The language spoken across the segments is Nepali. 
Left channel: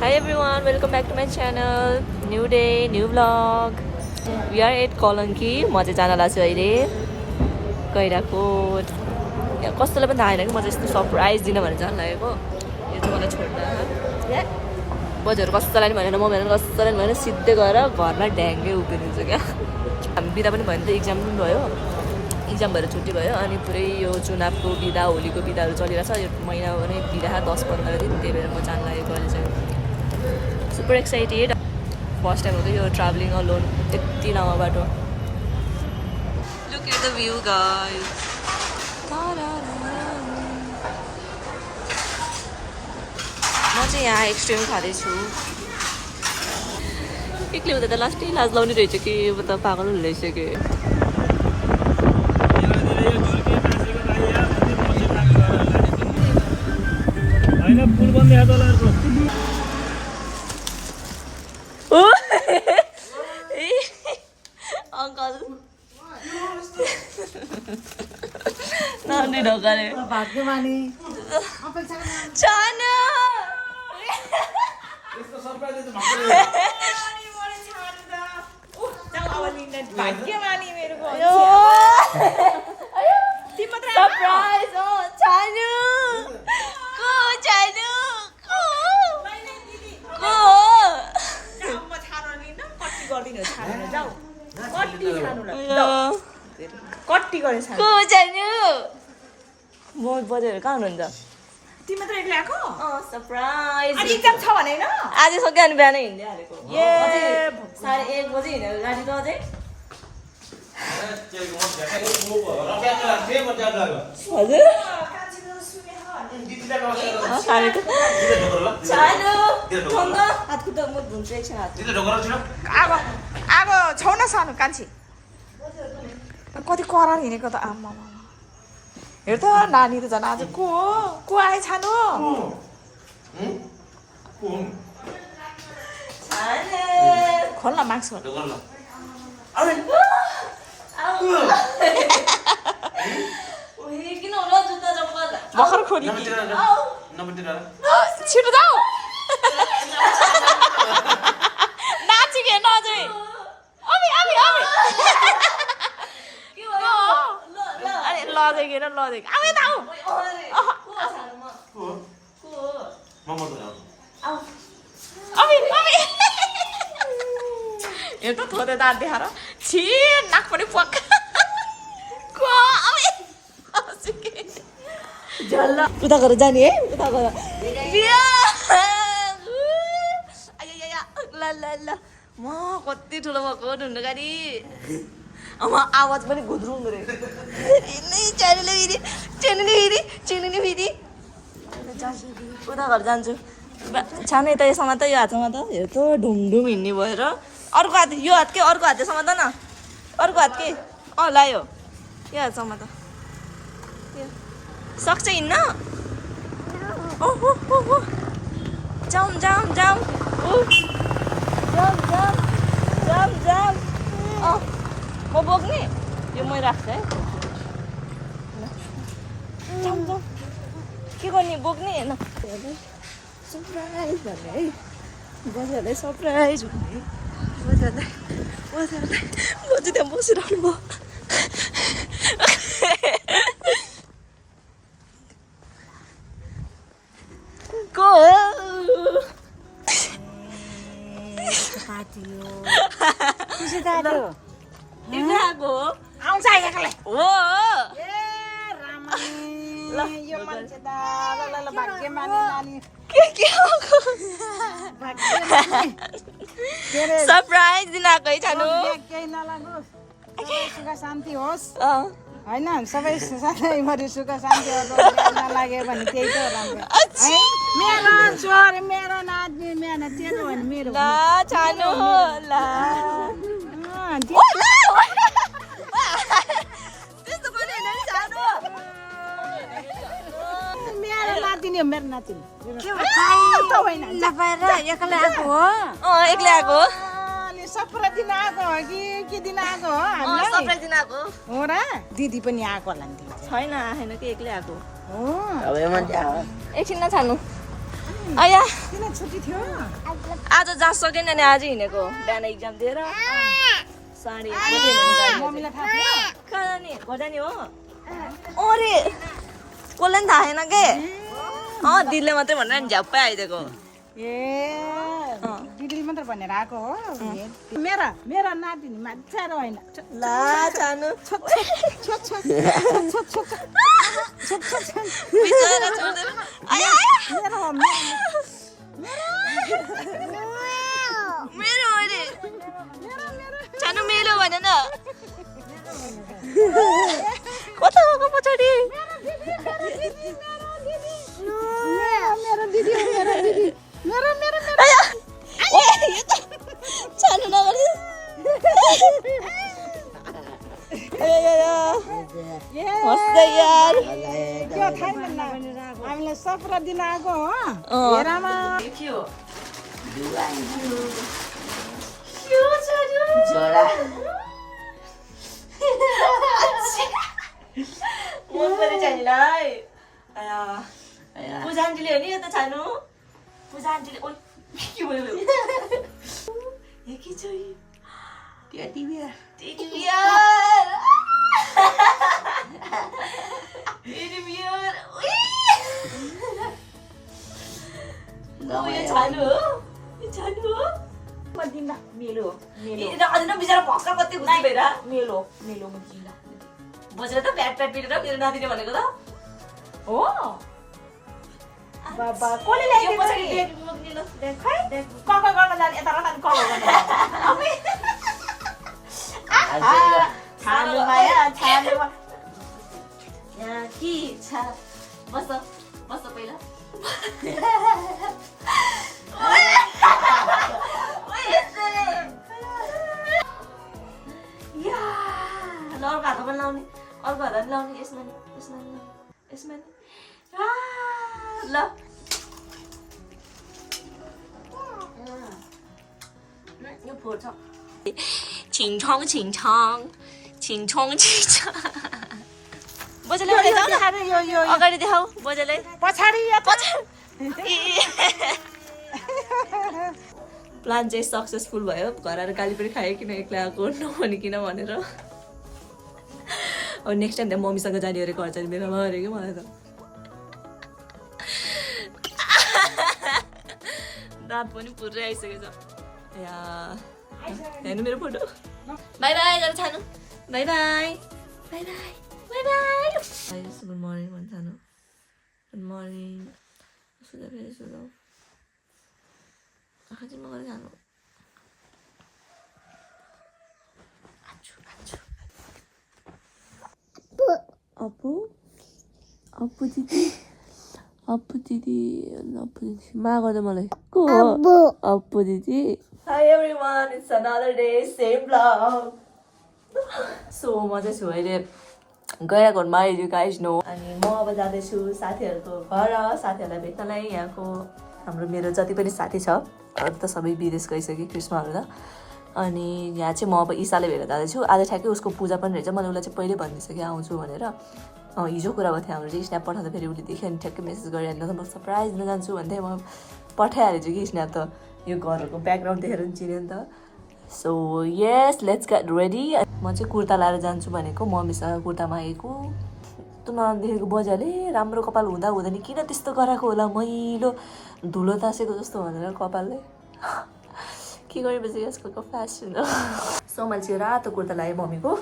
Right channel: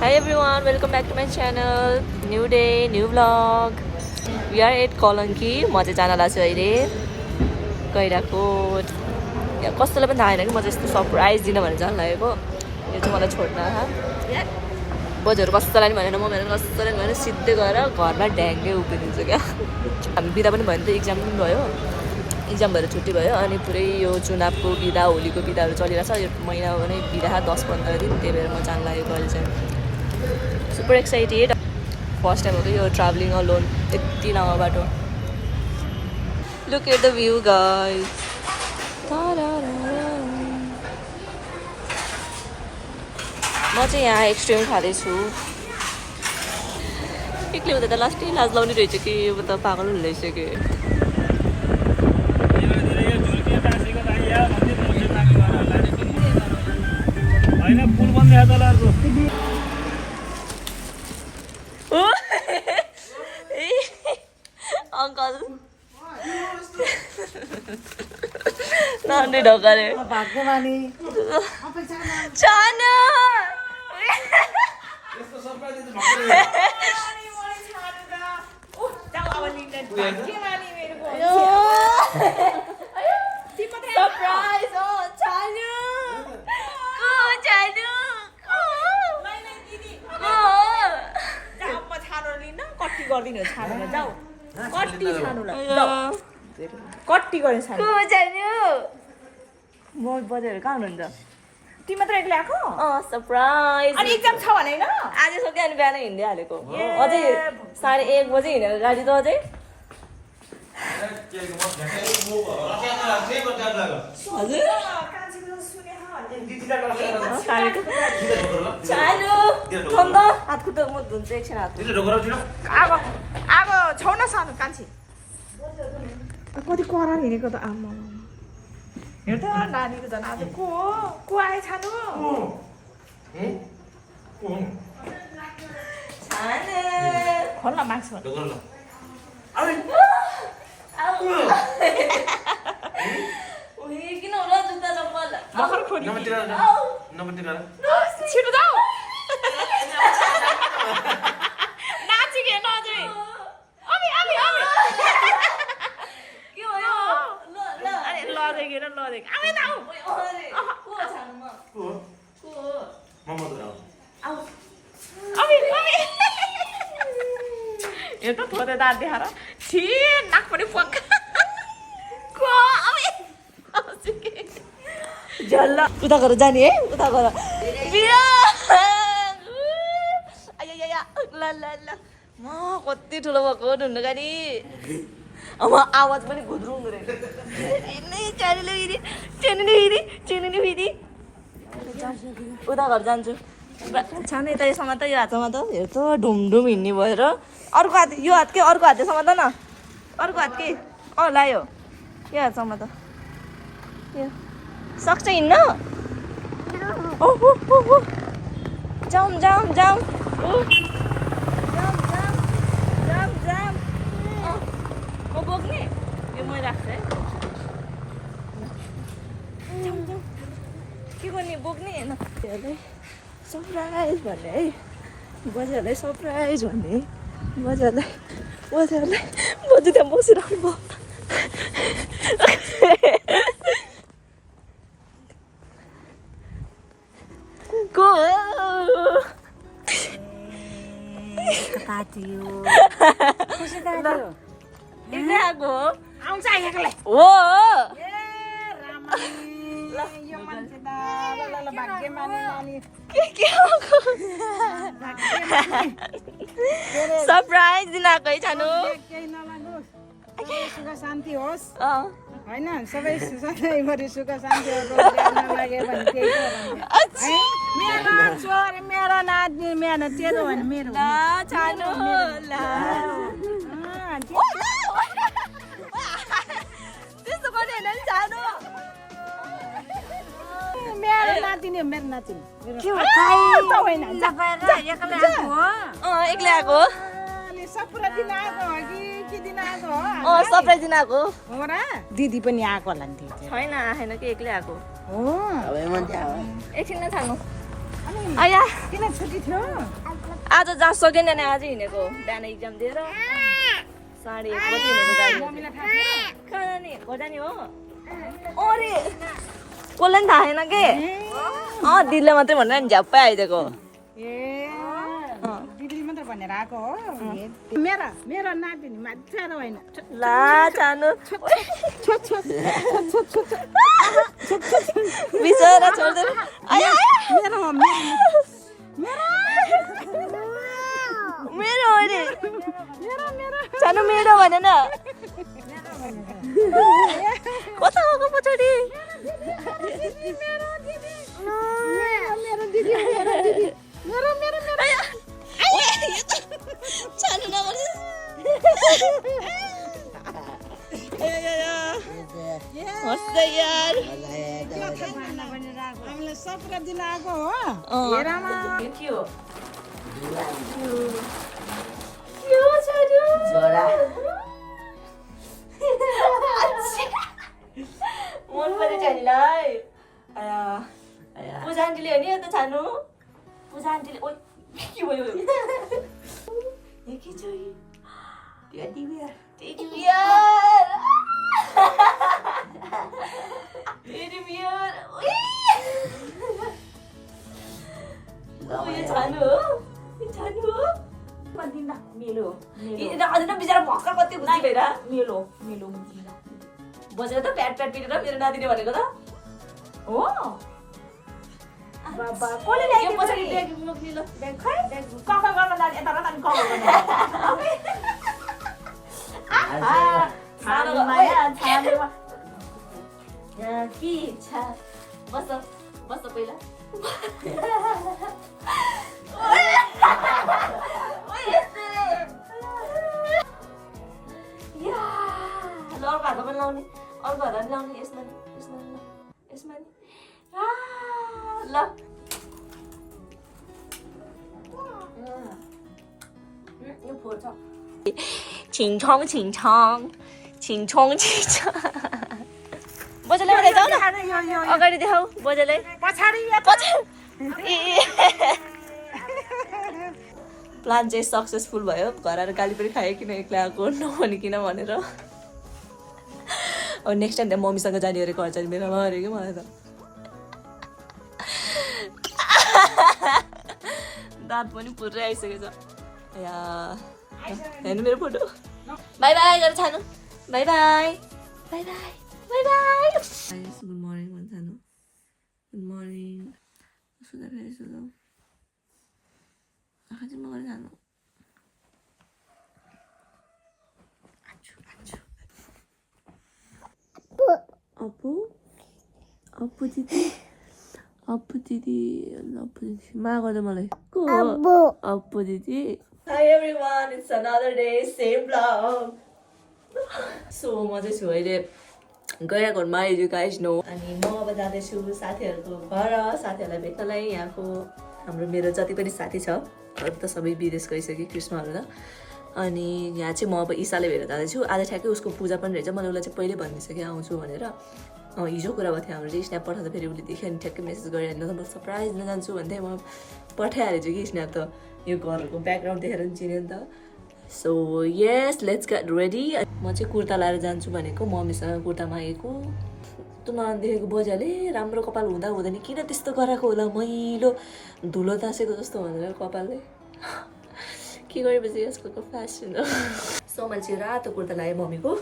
Hi everyone, welcome back to my channel. New day, new vlog. We are at Kalanki. म चाहिँ जान लाग्छु अहिले गैराकोट। यहाँ कसैलाई पनि थाहा छैन कि म चाहिँ यस्तो सरप्राइज दिन भनेर जान लागेको। यो चाहिँ मलाई छोड्न बजारहरू कसैलाई पनि भनेन, म भनेर कसैलाई पनि भनेर सिधै गएर घरमा ढ्याङ्गै उभिदिन्छु क्या। हामी बिदा पनि भयो नि त, इक्जाम पनि भयो, इक्जाम भएर छुट्टी भयो अनि पुरै यो चुनावको बिदा, होलीको बिदाहरू चलिरहेछ। यो महिना भने बिदा 10-15 दिन, त्यही भएर म जान लागेको अहिले चाहिँ। सुपर एक्साइटेड, फर्स्ट टाइम हो कि यो ट्राभलिङ अलोन यति लामो बाटो। Look at the view guys. म चाहिँ यहाँ एक्सट्रिम खाँदैछु। एक्लै हुँदा त लास्टै लाज लाउने रहेछ कि त पागल हुँदैछ कि। पुल बन्द अङ्कल नानी ढकाले भाग्यमानी चानु सरप्राइज हो चानु को चानु को को चानु म बजारहरू कहाँ हुनुहुन्छ? तिमी मात्र एक्लै आएको? सरप्राइज। अनि एक्जाम छ भने हैन? आज सक्यो अनि बिहानै हिँड्दै हालेको। अझै 1:30 बजे हिँडेको गाडी त अझै। हजुर चानु थन्द हात खुट्टा म धुन्छु एकछिन हात। अब छौ न सानो कान्छी कति करार हिँडेको त आमा हेर त नानी त झन् आज को आए छानु खोल्न माग्छ किन होला जुत्ता चप्पल भर्खर खोली छिटो जाऊ नाचिके नजै अबि अबि अबि के भयो? अरे लदेके न लदेके आउ यता आउ अबि अबि यो त थोरै दाँत देखाएर छि नाक पनि पक्क को अबि झल्ला उता गरेर जाने है, उता गरेर बिया आया ल ल ल म कति ठुलो भएको ढुन्नु गाडी। अब आवाज पनि घुद्रुङ्दो रहेछ। चिनिने फेरि उता घर जान्छु। छानु यता यसमा त यो हातमा त हेर त ढुमढुम हिँड्ने भएर। अर्को हात यो हात के अर्को हात यसमा त न अर्को हात के लायो यो हातसम्म त यो सक्छ हिँड्न? ओहो जाउँ जाउँ जाउँ जाउँ जाउँ म बोक्ने यो मै राख्छु है। जाउँ जाउँ के गर्ने बोक्ने होइन सरप्राइज भन्ने है, बजारलाई सरप्राइज भन्ने बजारलाई बजु त्यहाँ बसिरहनु भयो। आउँछ एक्लै हो यो मान्छे त ल भाग्यमानी नानी सरप्राइज दिन आएको है छानु। केही नलागोस् सुख शान्ति होस् होइन सबै सधैँभरि सुख शान्ति नलाग्यो भने त्यही त मेरो छोर मेरो नाच्ने मेरो तेरो होइन मेरो छानु मेरो नातिनी हो मेरो नातिनी एक्लै आएको सबैलाई दिन आएको हो कि दिन आएको हो सबलाई दिन आएको हो र दिदी पनि आएको होला नि छैन आएन कि एक्लै आएको एकछिन न छानु आया किन छुट्टी थियो आज जा सकेन नि आज हिँडेको बिहान इक्जाम दिएर 1:30 बजे हिँडेको मम्मीलाई थाहा थियो कहाँ जाने घर जाने हो अरे कसलाई पनि थाहा छैन के दिदीले मात्रै भनेर नि झ्याप्पै आइदिएको ए दिदीले मात्र भनेर आएको हो मेरो नातिनी माछा होइन ला जानु बिचरा छोड्दैन आया मेरो अरे जानु मेरो भने न कता गएको पछाडि जानु नगरे हस्दै यार हामीलाई 17 दिन आएको हो हेरामा के हो मन पऱ्यो छानीलाई पूजा आन्टीले हो नि यता छानु पूजा आन्टीले ओ के भयो के छ टेडी बियर टेडी बियर यो छानु हो यो छानु हो मेलो अझै बिचरा भर्खर कति खुसी भएर मेलो बजेर त प्याट पिटेर मेरो नातिले भनेको त हो बाबा कसले ल्यायो पछाडि ब्याग मुक्लिलो कक गर्न जाने यता रतान कक के इच्छा बस पहिला अर्को हातमा पनि लाउने अर्को हातमा पनि लाउने यसमा नि ल यो फोर्छ छिङछङ बजेलाई उठाइ जाऊ न अगाडि देखाऊ बजेलाई पछाडि प्लान चाहिँ सक्सेसफुल भयो घर आएर गाली पनि खायो किन एक्लै आएको नभनिकन भनेर अब नेक्स्ट टाइम त्यहाँ मम्मीसँग जाने अरे घर जाने बेलामा अरे कि मलाई त दाँत पनि पुरै आइसकेको छ या हेर्नु मेरो फोटो बाई बाई गरेर छानु बाई बाई गुड मर्निङ भन्छ छानु गुड मर्निङ सुधा फेरि सुधाउ आँखा चाहिँ म गरेर जानु अप्पु दिदी मा गर्दा मलाई को अप्पु दिदी high everyone it's another day same blog so म चाहिँ छु अहिले गया घरमा यु गाइज नो अनि म अब जाँदैछु साथीहरूको घर साथीहरूलाई भेट्नलाई यहाँको मेरो जति पनि साथी छ अरू त सबै विदेश गइसक्यो क्रिस्माहरू त अनि यहाँ चाहिँ म अब ईसाले भेटेर जाँदैछु आज ठ्याक्कै उसको पूजा पनि रहेछ मैले उसलाई चाहिँ पहिल्यै भनिदिइसकेँ आउँछु भनेर हिजो कुरा भएको थियो हाम्रो स्न्याप पठाउँदा फेरि उसले देख्यो अनि ठ्याक्कै मेसेज गरिहाल्नु त म सरप्राइज दिन जान्छु भन्थेँ म पठाइहालेछु कि स्न्याप त यो घरहरूको ब्याकग्राउन्ड देखेर पनि चिन्यो नि त so yes let's get ready म चाहिँ कुर्ता लाएर जान्छु भनेको मम्मीसँग कुर्ता मागेको त नदेखेको बजाले राम्रो कपाल हुँदा हुँदैन किन त्यस्तो गराएको होला मैलो धुलो तासेको जस्तो भनेर कपालले के गरेपछि यसको फेसन हो सो मैले चाहिँ रातो कुर्ता लगाएँ मम्मीको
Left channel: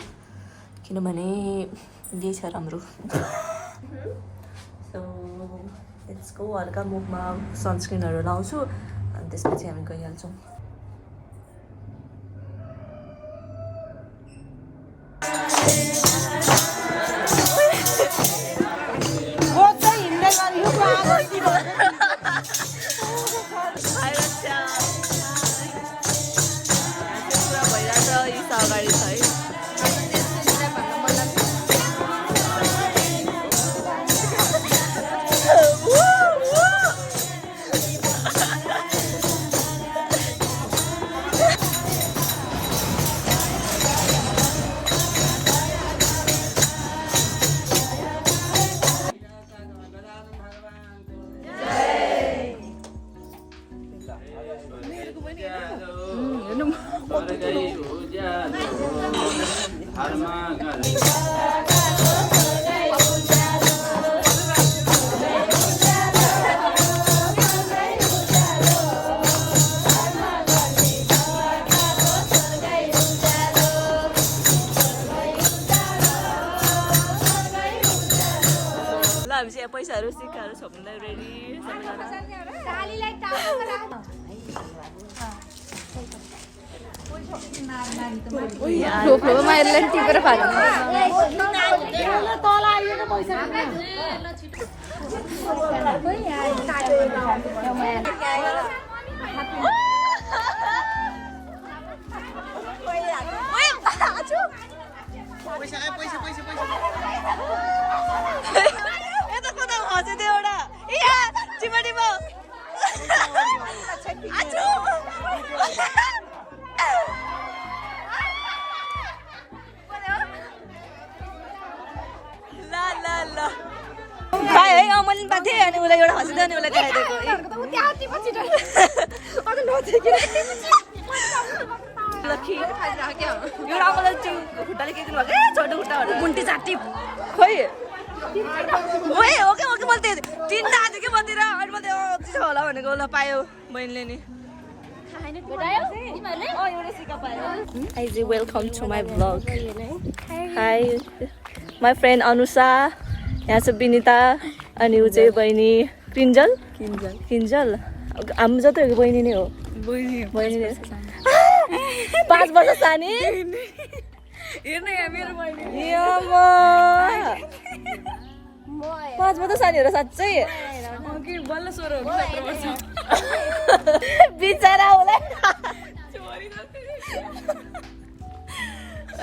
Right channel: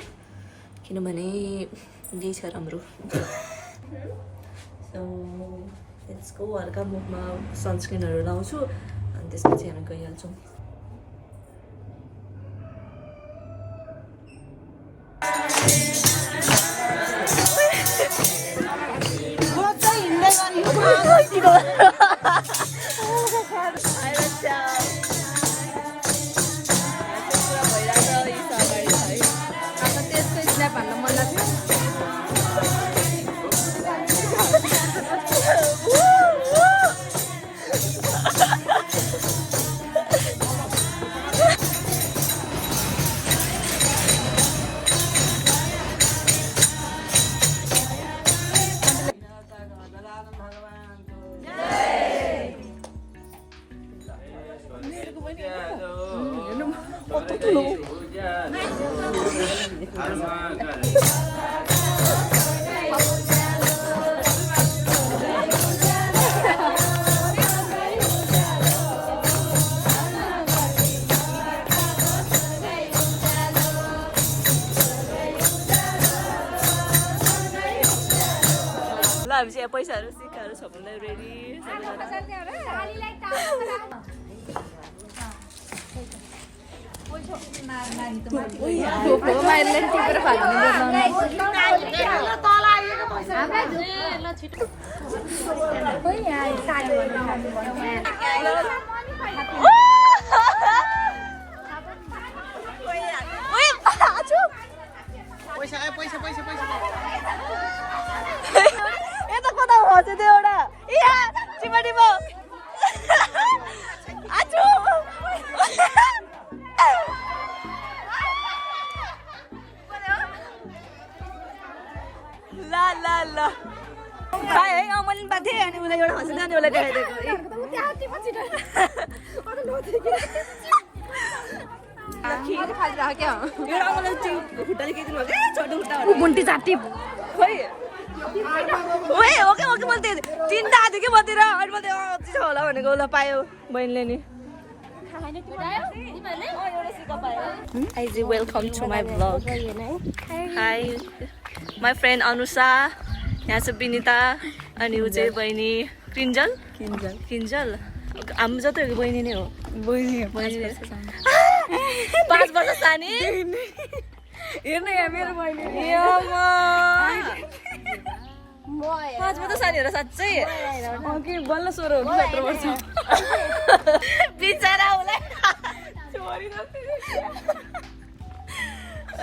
किनभने यही छ राम्रो सो यसको हल्का मुखमा सनस्क्रिनहरू लाउँछु अनि त्यसपछि हामी गइहाल्छौँ पुरा भइरहेछ यी अगाडि छ है ल हामी चाहिँ यहाँ पैसाहरू सिक्काहरू छोप्नुलाई रेडी सबैजना अनि उसलाई एउटा हँसिदियो अनि उसलाई देखाइदिएको एउटा मलाई त्यो खुट्टाले केही दिनु भएको छोटो खुट्टा मुन्टी चाटी खोइ ओके ओके ओके मैले तिनवटा आएको थियो कि मतिर अनि मैले छ होला भनेको उसलाई पायो बहिनीले नि welcome to my vlog hi my friend Anusha यहाँ छ विनिता अनि ऊ चाहिँ बहिनी किन्जल किन्जल हाम्रो जति बहिनी नै हो 5 वर्ष सानी हेर्नु यहाँ मेरो बहिनी 5 वर्ष सानी हेर साँच्चै बल्ल 16 हुनु 17 वर्ष बिचरा उसलाई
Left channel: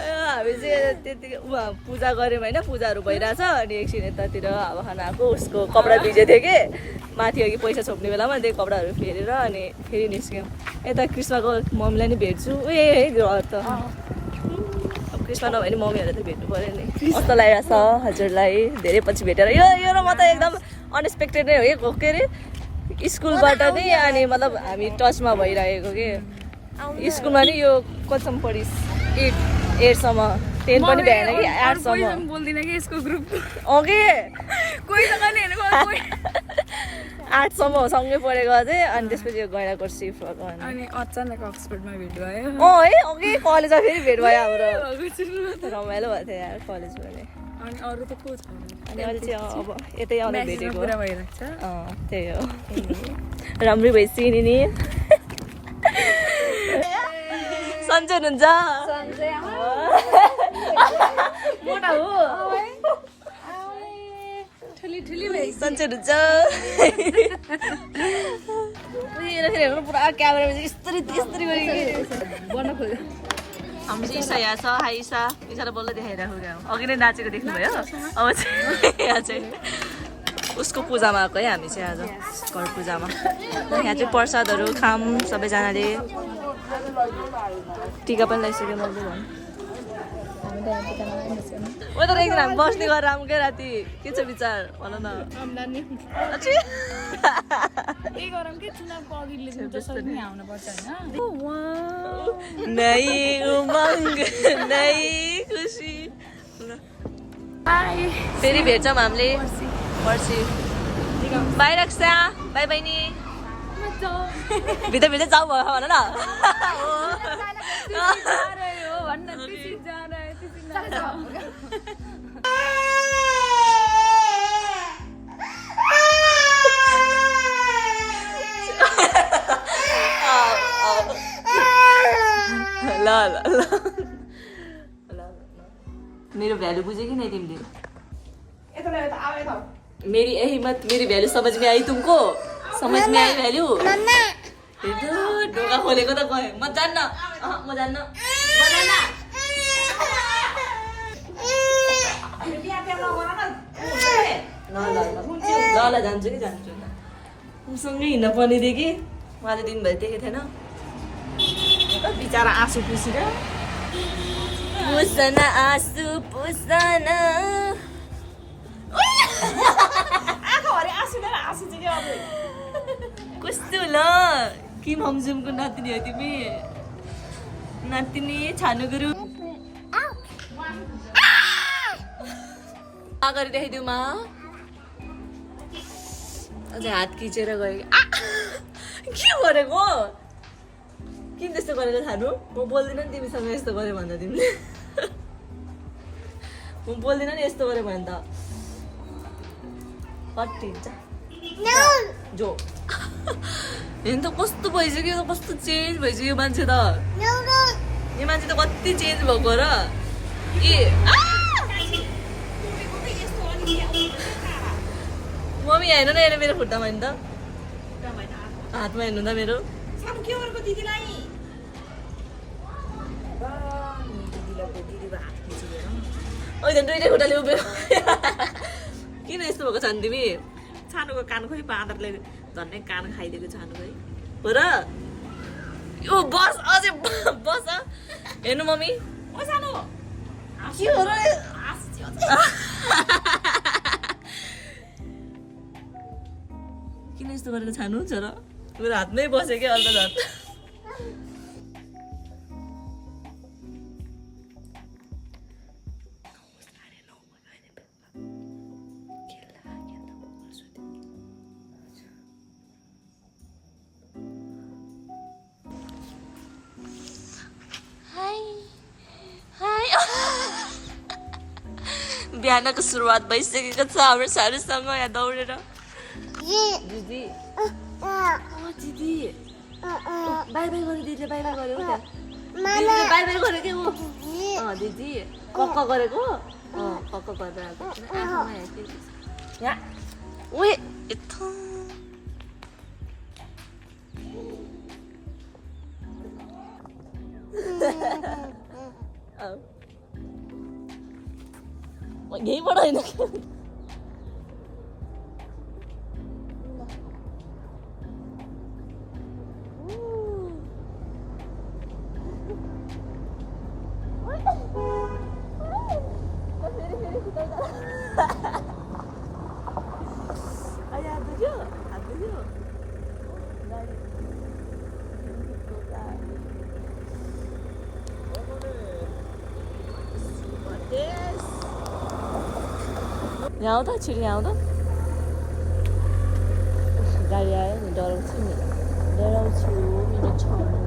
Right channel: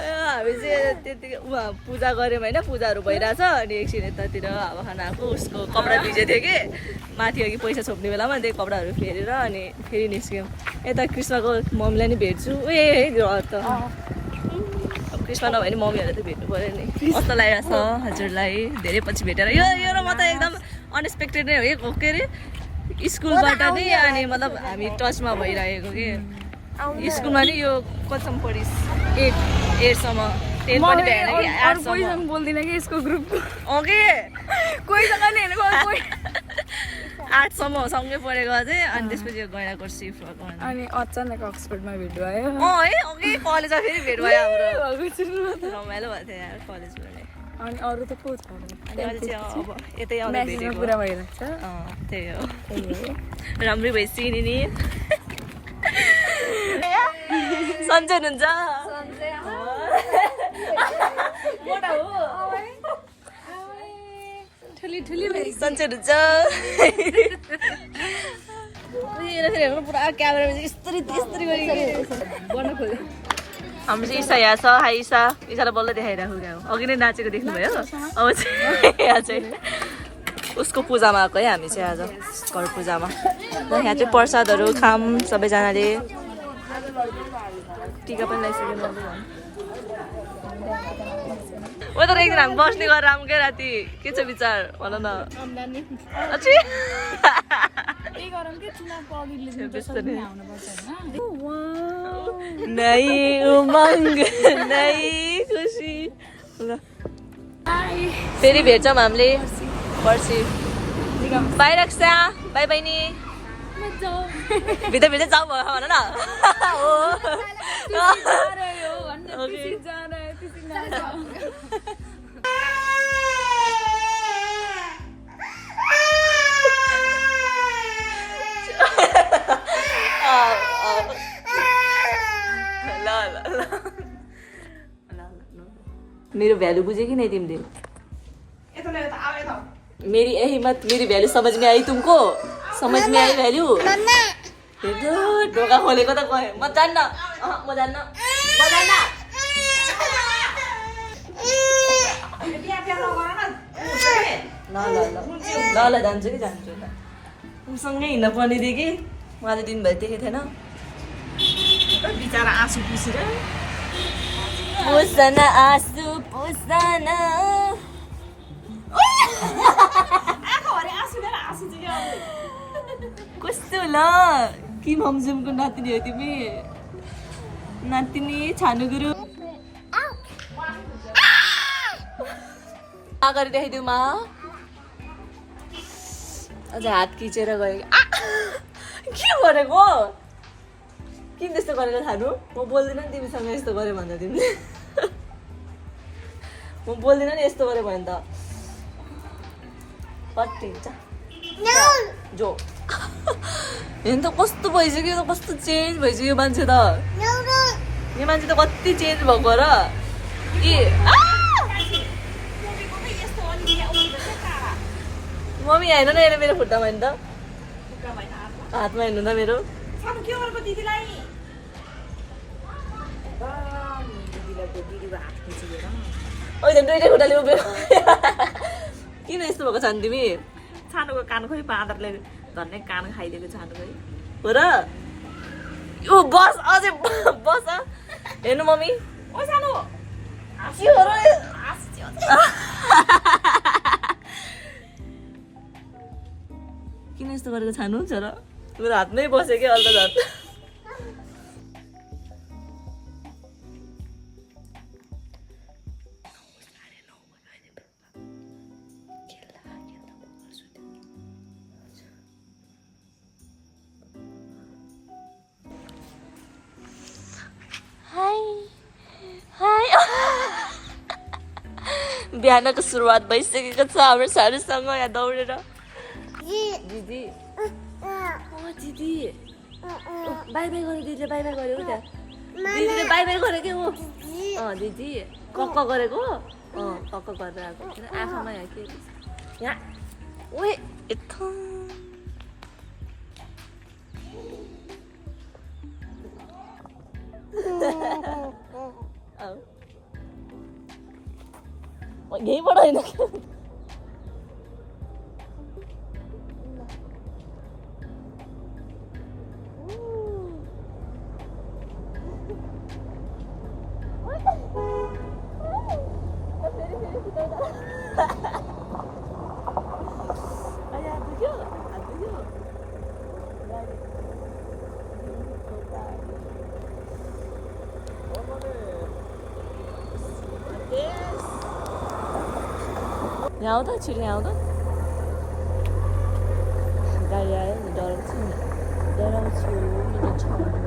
हामी चाहिँ त्यतिकै उहाँ पूजा गऱ्यौँ होइन पूजाहरू भइरहेछ अनि एकछिन यतातिर हावा खाना आएको उसको कपडा भिजेको थियो कि माथि अघि पैसा छोप्ने बेलामा त्यही कपडाहरू फेरेर अनि फेरि निस्क्यौँ यता कृष्णको मम्मीलाई नि भेट्छु ग्रह त अब कृष्ण नभए नि मम्मीहरूलाई त भेट्नु पऱ्यो नि कस्तो लागेको छ हजुरलाई धेरै पछि भेटेर यो म त एकदम अनएक्सपेक्टेड नै हो कि के अरे स्कुलबाट नि अनि मतलब हामी टचमा भइरहेको कि स्कुलमा नि यो कतिसम्म पढिस् 8सम्म 10 पनि भएन कि 8सम्म बोल्दिनँ कि यसको ग्रुप ओके कोहीसँग नि हेरेको 8सम्म सँगै पढेको चाहिँ अनि त्यसपछि यो गैँडाको सिफ्ट भएको अनि अचानक अक्सफोर्डमा भेट भयो है ओके कलेजमा फेरि भेट भयो हाम्रो रमाइलो भएको थियो यार कलेजमा अनि अरू त को छ अनि अहिले चाहिँ अब यतै आउँदा भेटेको पुरा भइरहेको छ त्यही हो राम्रै भइसक्यो नि सन्चै हुनुहुन्छ मोटा हो सन्चै हुनुहुन्छ हेर्नु पुरा क्यामेरामा चाहिँ यस्तरी गरिकन बन्न खोल्यो हाम्रो चाहिँ ईसा यहाँ छ हाई ईसा ईसालाई बल्ल देखाइरहेको क्या अघि नै नाचेको देख्नुभयो अब चाहिँ यहाँ चाहिँ उसको पूजामा आएको है हामी चाहिँ आज घर पूजामा यहाँ चाहिँ प्रसादहरू खाम सबैजनाले टिका पनि लगाइसक्यो मैले झन् ओ तर एकदिन हामी बस्ने गरेर आऊँ क्या राति के छ विचार भन न नै उमङ्ग नै खुसी फेरि भेट्छौँ हामीले पर्सि बाई रक्षा बाई बहिनी भित्र भित्र जाऊ भयो भन न मेरो भ्यालु बुझे कि नहीं तिमीले मेरी यही मत मेरी भ्यालु समझ में आई तुमको समझ में आई भ्यालु ढोका खोलेको त म जान्न म जान्न ल जान्छु कि जान्छु उसँगै हिँड्न पर्ने थियो कि उहाँले दिनभरि देखेको थिएन बिचरा आँसु पुसेर पुसन आँसु पुसन कस्तो ल किम हमजुमको नातिनी हो तिमी नातिनी छानु गुरु अगाडि देखाइदिउ मा अझ हात खिचेर गयो के गरेको किन त्यस्तो गरेको छानु म बोल्दिनँ नि तिमीसँग यस्तो गऱ्यो भन्दा तिमीले म बोल्दिनँ नि यस्तो गऱ्यो भने त कति हुन्छ जो हेर्नु त कस्तो भइसक्यो कस्तो चेन्ज भइसक्यो यो मान्छे त यो मान्छे त कति चेन्ज भएको र कि मम्मी होइन न हेर मेरो खुट्टामा होइन त हातमा हेर्नु त मेरो दुइटै खुट्टाले उभियो किन यस्तो भएको छ नि तिमी छानुको कान खोइ बाँदरले झन्डै कान खाइदिएको छानु खोइ हो र ओ बस अझै बस हेर्नु मम्मी ओ सानो किन यस्तो गरेको छानु छोरा मेरो हातमै बस्यो क्या अर्को हात बिहानको सुरुवात भइसकेको छ हाम्रो सारूसँग यहाँ दौडेर दिदी दिदी बाई बाई गर्यो दिदीले बाई बाई गर्यो त्यहाँ दिदीले बाई बाई गर्यो कि ऊ दिदी कक्क गरेको कक्क गरेर आएको आँखामा यहाँ के यहाँ उयो यता यहीँबाट होइन यहाँ आउँदा छिटो यहाँ आउँदा गाडी आयो नि डराउँछु मेरो छानु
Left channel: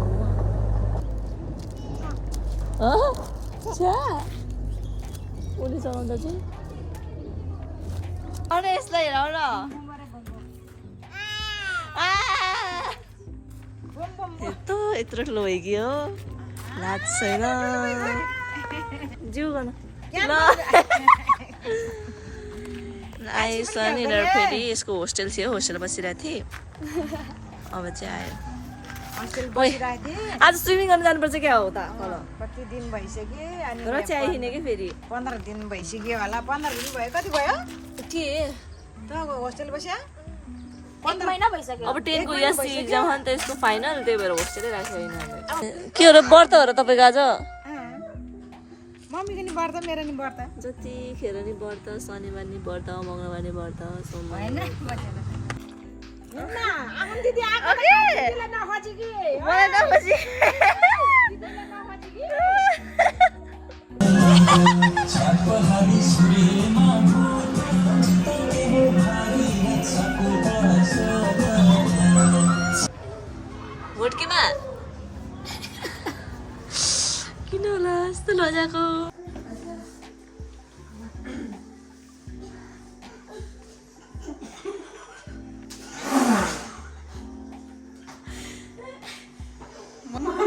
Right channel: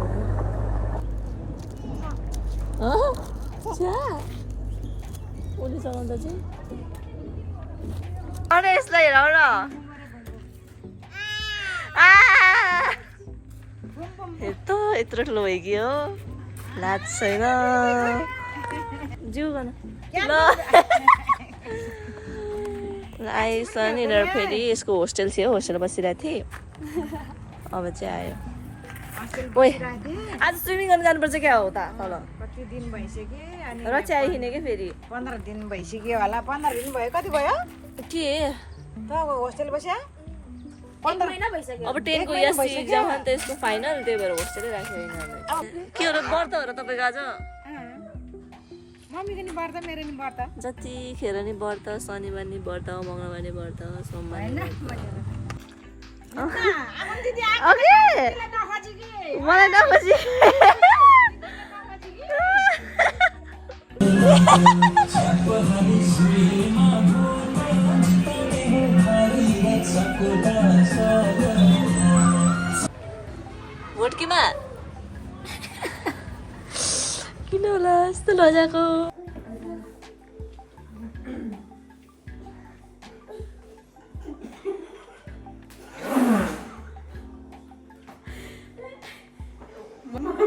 उसले चलाउँदा चाहिँ अनि यसलाई हेर न यत्रो ठुलो भइगयो लाज छैन जिउ गर्न ल आइस नि फेरि यसको होस्टेल थियो होस्टेल बसिरहेको थिएँ अब चाहिँ आयो ओइ आज स्विमिङ गर्न जानुपर्छ क्या हो त तल कति दिन भइसक्यो अनि र चाहिँ आइहिँने क्या फेरि 15 दिन भइसक्यो होला 15 दिन भयो कति भयो के त होस्टेल बस्या 1 महिना भइसक्यो अब 10 को एससी एक्जाम हो नि त यसको फाइनल त्यही भएर होस्टेलै राख्यो यिनीहरूले के हो र व्रत हो र तपाईँको आज मम्मीको नि व्रत मेरो नि व्रत जतिखेर नि व्रत शनिबार नि व्रत मङ्गलबार नि व्रत सोमबार नि मलाई नखोजी भोटकीमा किन होला यस्तो लजाको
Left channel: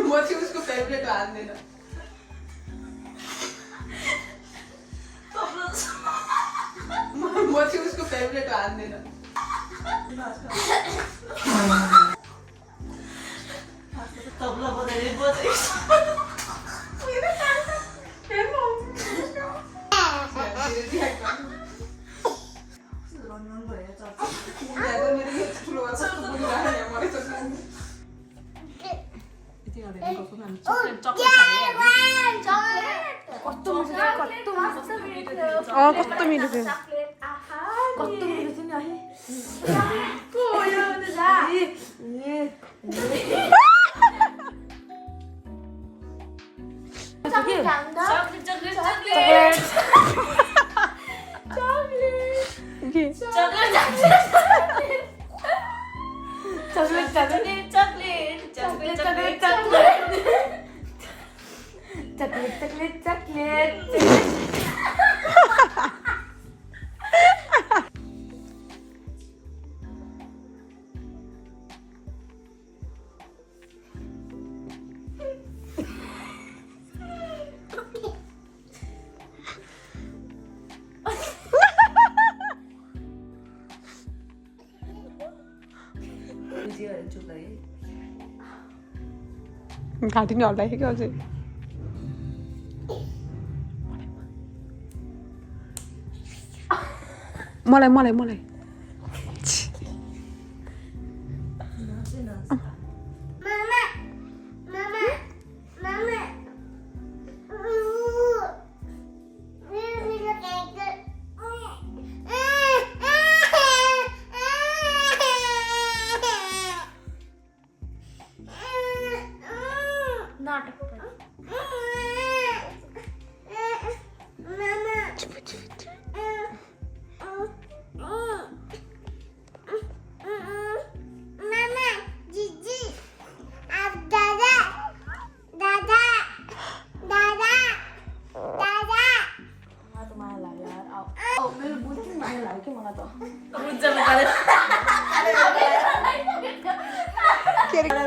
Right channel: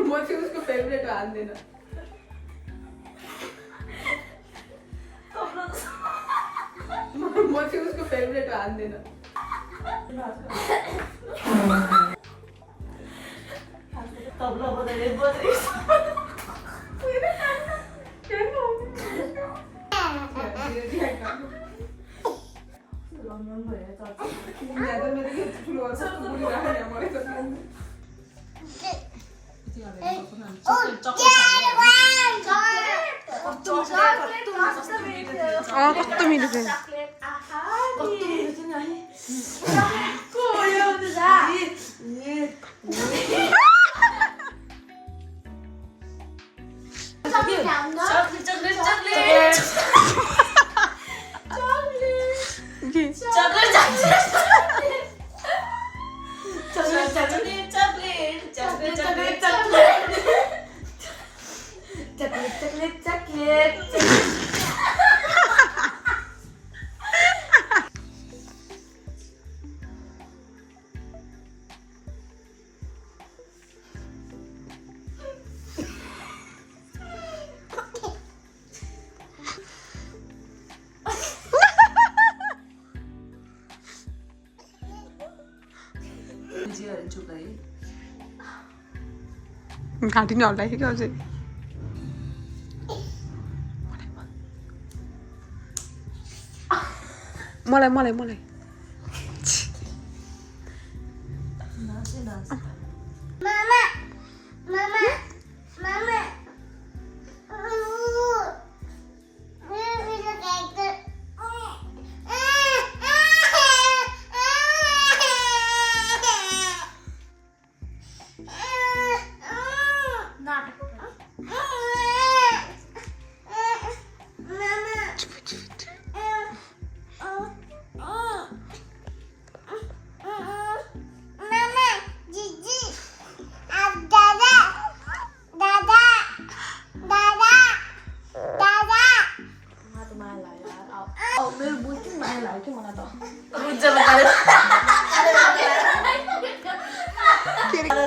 म चाहिँ उसको फेभरेट हान्दैन म चाहिँ उसको फेभरेट हान्दैन तबला बजाइले बजाइस कस्तो मिठो थियो घाँटी नै हल्लाइसक्यो अझै मलाई मलाई मलाई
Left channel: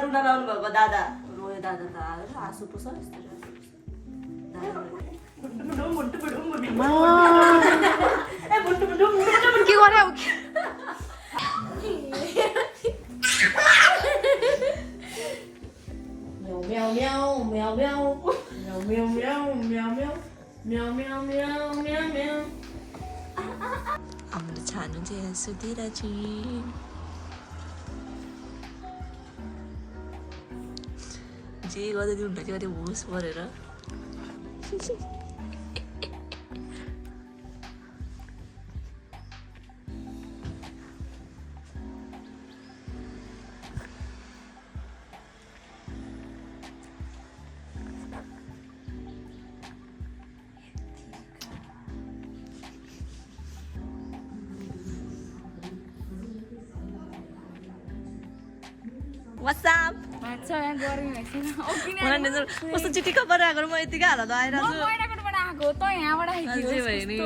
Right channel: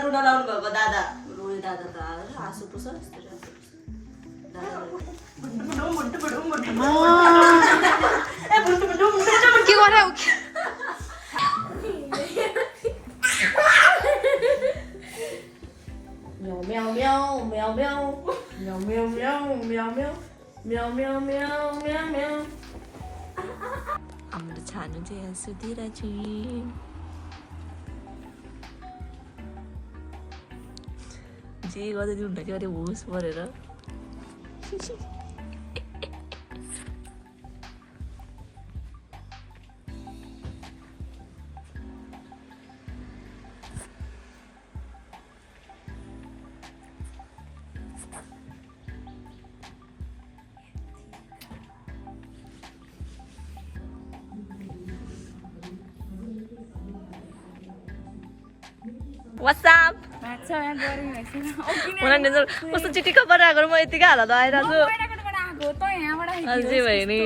रुन लाउनु भएको दादा रोयो दादा त आँसु पुछ के गरे हाम्रो छानु चाहिँ सुतिरहेको छु जे गर्दै दिनु चाहिँ अरे होस परेर What's up? कस्तो चिठी खबर आएको म यतिकै हालत आइरहेको छु भयो नि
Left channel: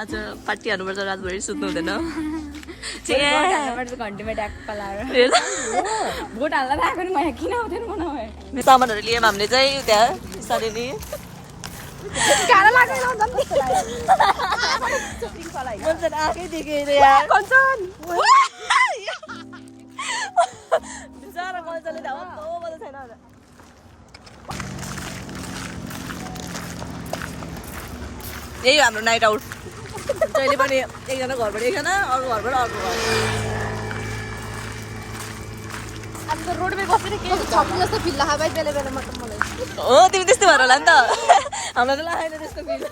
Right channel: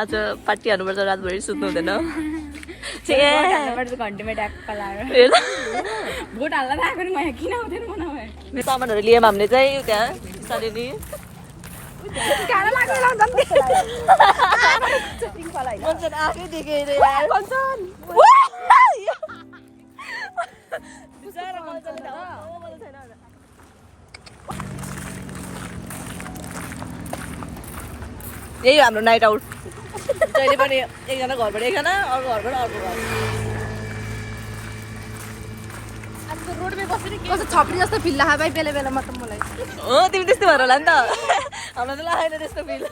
आज पार्टी हाल्नुपर्छ रातभरि सुत्नु हुँदैन सामानहरू लियौँ हामीले चाहिँ त्यहाँ सालिनी मान्छे आएकै देखेर यार बिचारा मजाले छैन यही हाम्रो नाइट आउट जहिले पनि एकजना घरबाट एकजना अर्को घरबाट अर्को घर हो तिमी त्यस्तो भएर होला नि त हामीलाई त लागेन त्यस्तो फिल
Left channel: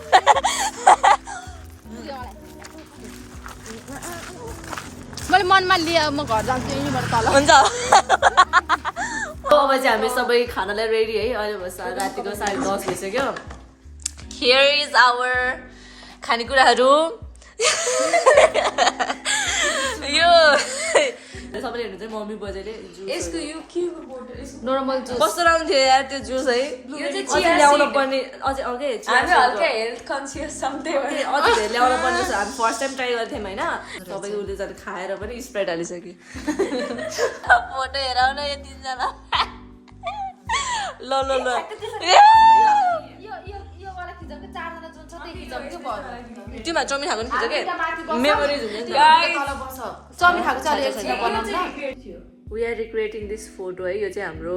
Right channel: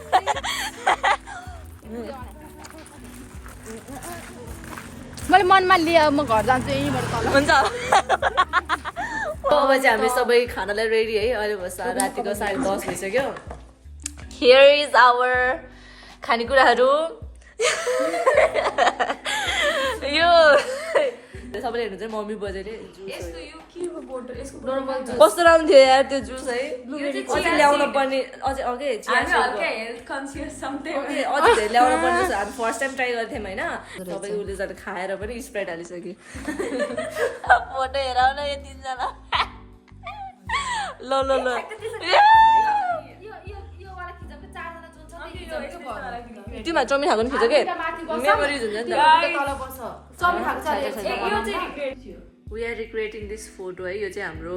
मैले मनमा लिए म घर जान्छु यहीँबाट तल हुन्छ अब चाहिँ हामी सबै खानालाई रेडी है अहिले रातिको 10:30 भइसक्यो हियर इज आवर खानेकुराहरू यो सबैले हेर्नु चाहिँ मम्मी बजेले कस्तो राम्रो थियो यार त्यो जुस है अझै ल्याउन पर्ने अझै अझै धेरै ल्याउन पर्ने जस्तो हामी फर्स्ट टाइम ट्राई गर्थ्यौँ होइन सबैको उसले झन् खाएर पनि स्प्राइट हालिसक्यो फोटो हेराउ न यो तिनजना ल ल ल त्योमा चाउमिन खाएको नि खिचेको मेमोरिज हुन्छ नि त वी आर रिक्रिएटिङ दिस फोटो है यो चाहिँ हाम्रो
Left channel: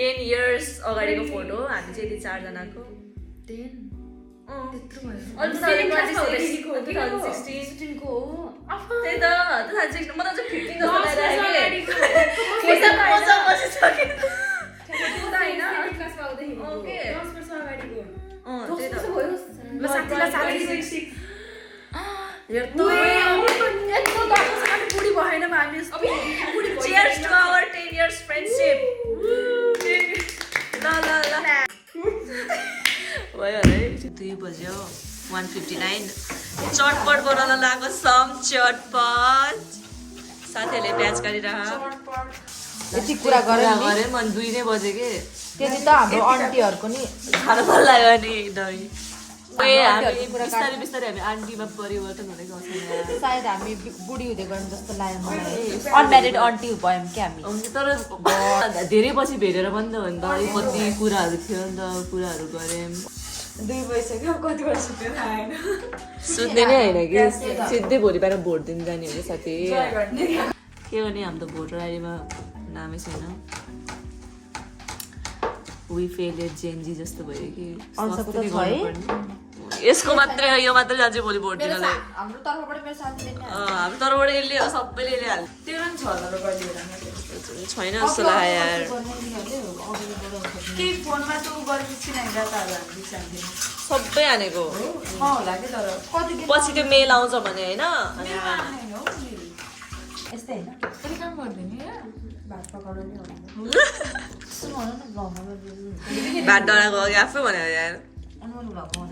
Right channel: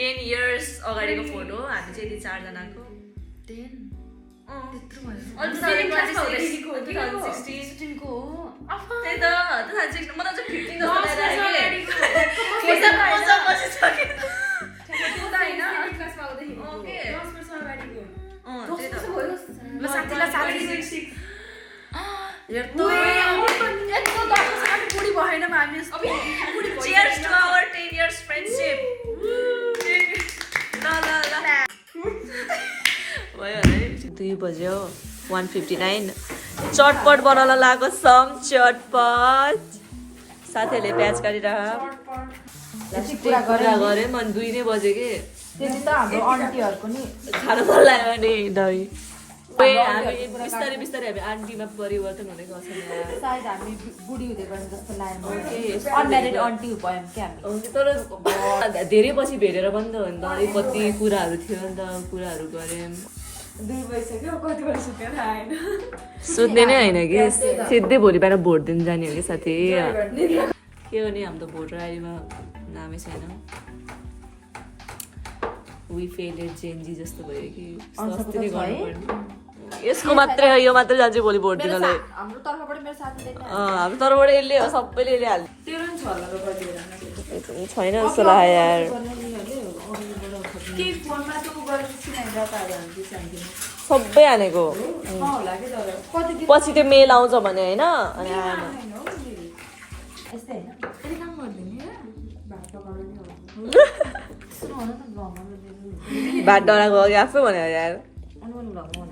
10 years अगाडिको फोटो हो हामी चाहिँ यति 4 जनाको 10 Cheers to our 10 years friendship. La la la. भयो है 2 बज्यो 1:59 चटपट बनाउन लागेको सम चटपट साथीहरूले प्याच गरिरह कुरा गऱ्यौँ अनि 2 नै बजे के त्यति त हाम्रो आन्टीहरूको नि खानु मन लाग्यो नि दही हामी बिस्तारै बिस्तारै हामी आन्टीमा परिवर्तन हुँदै गएको छौँ यहाँ सायद हामी बुढी हुँदै गयौँ जस्तो लाग्यो अनम्यारिड आन्टी भयौँ कि हामी तर धेरै पछि भेटेर पनि त हो नि त अलिक कति कुराहरू थियो नि त कुराहरू गऱ्यौँ 2 भइसक्यो कति बेला सुतेर आएन सुत्ने नै होइन कि सिधै भोलि बिहान भोट दिन जाने हो कि साथी के हो नि हामी त भोटर आइडीमा नामै छैन वी फेलेड जेन्जी जस्तो भयो कि सस्तै गर्नुपर्ने यसको मात्रै हो यो मात्रै जान्छ भोलि भोट दिनलाई हाम्रो तर्फबाट मेरो साथीले हाम्रो तर्फबाट यसले हो सबैले यसले हाल्यो तेरो पनि छ होला गरिदिएर छैन जस्तो लाग्यो यार के फोनमा त उ गरेको छैन डाटाहरू हाल्दै छ सबै हानेको होला के तर कति पछि त्यो मेल आउँछ भने होइन अनि यस्तै होइन के काम गर्दैन भात पकाउनु नि भात डढा गयो कि आफै भन्यो यार अनुहार भ्लगमा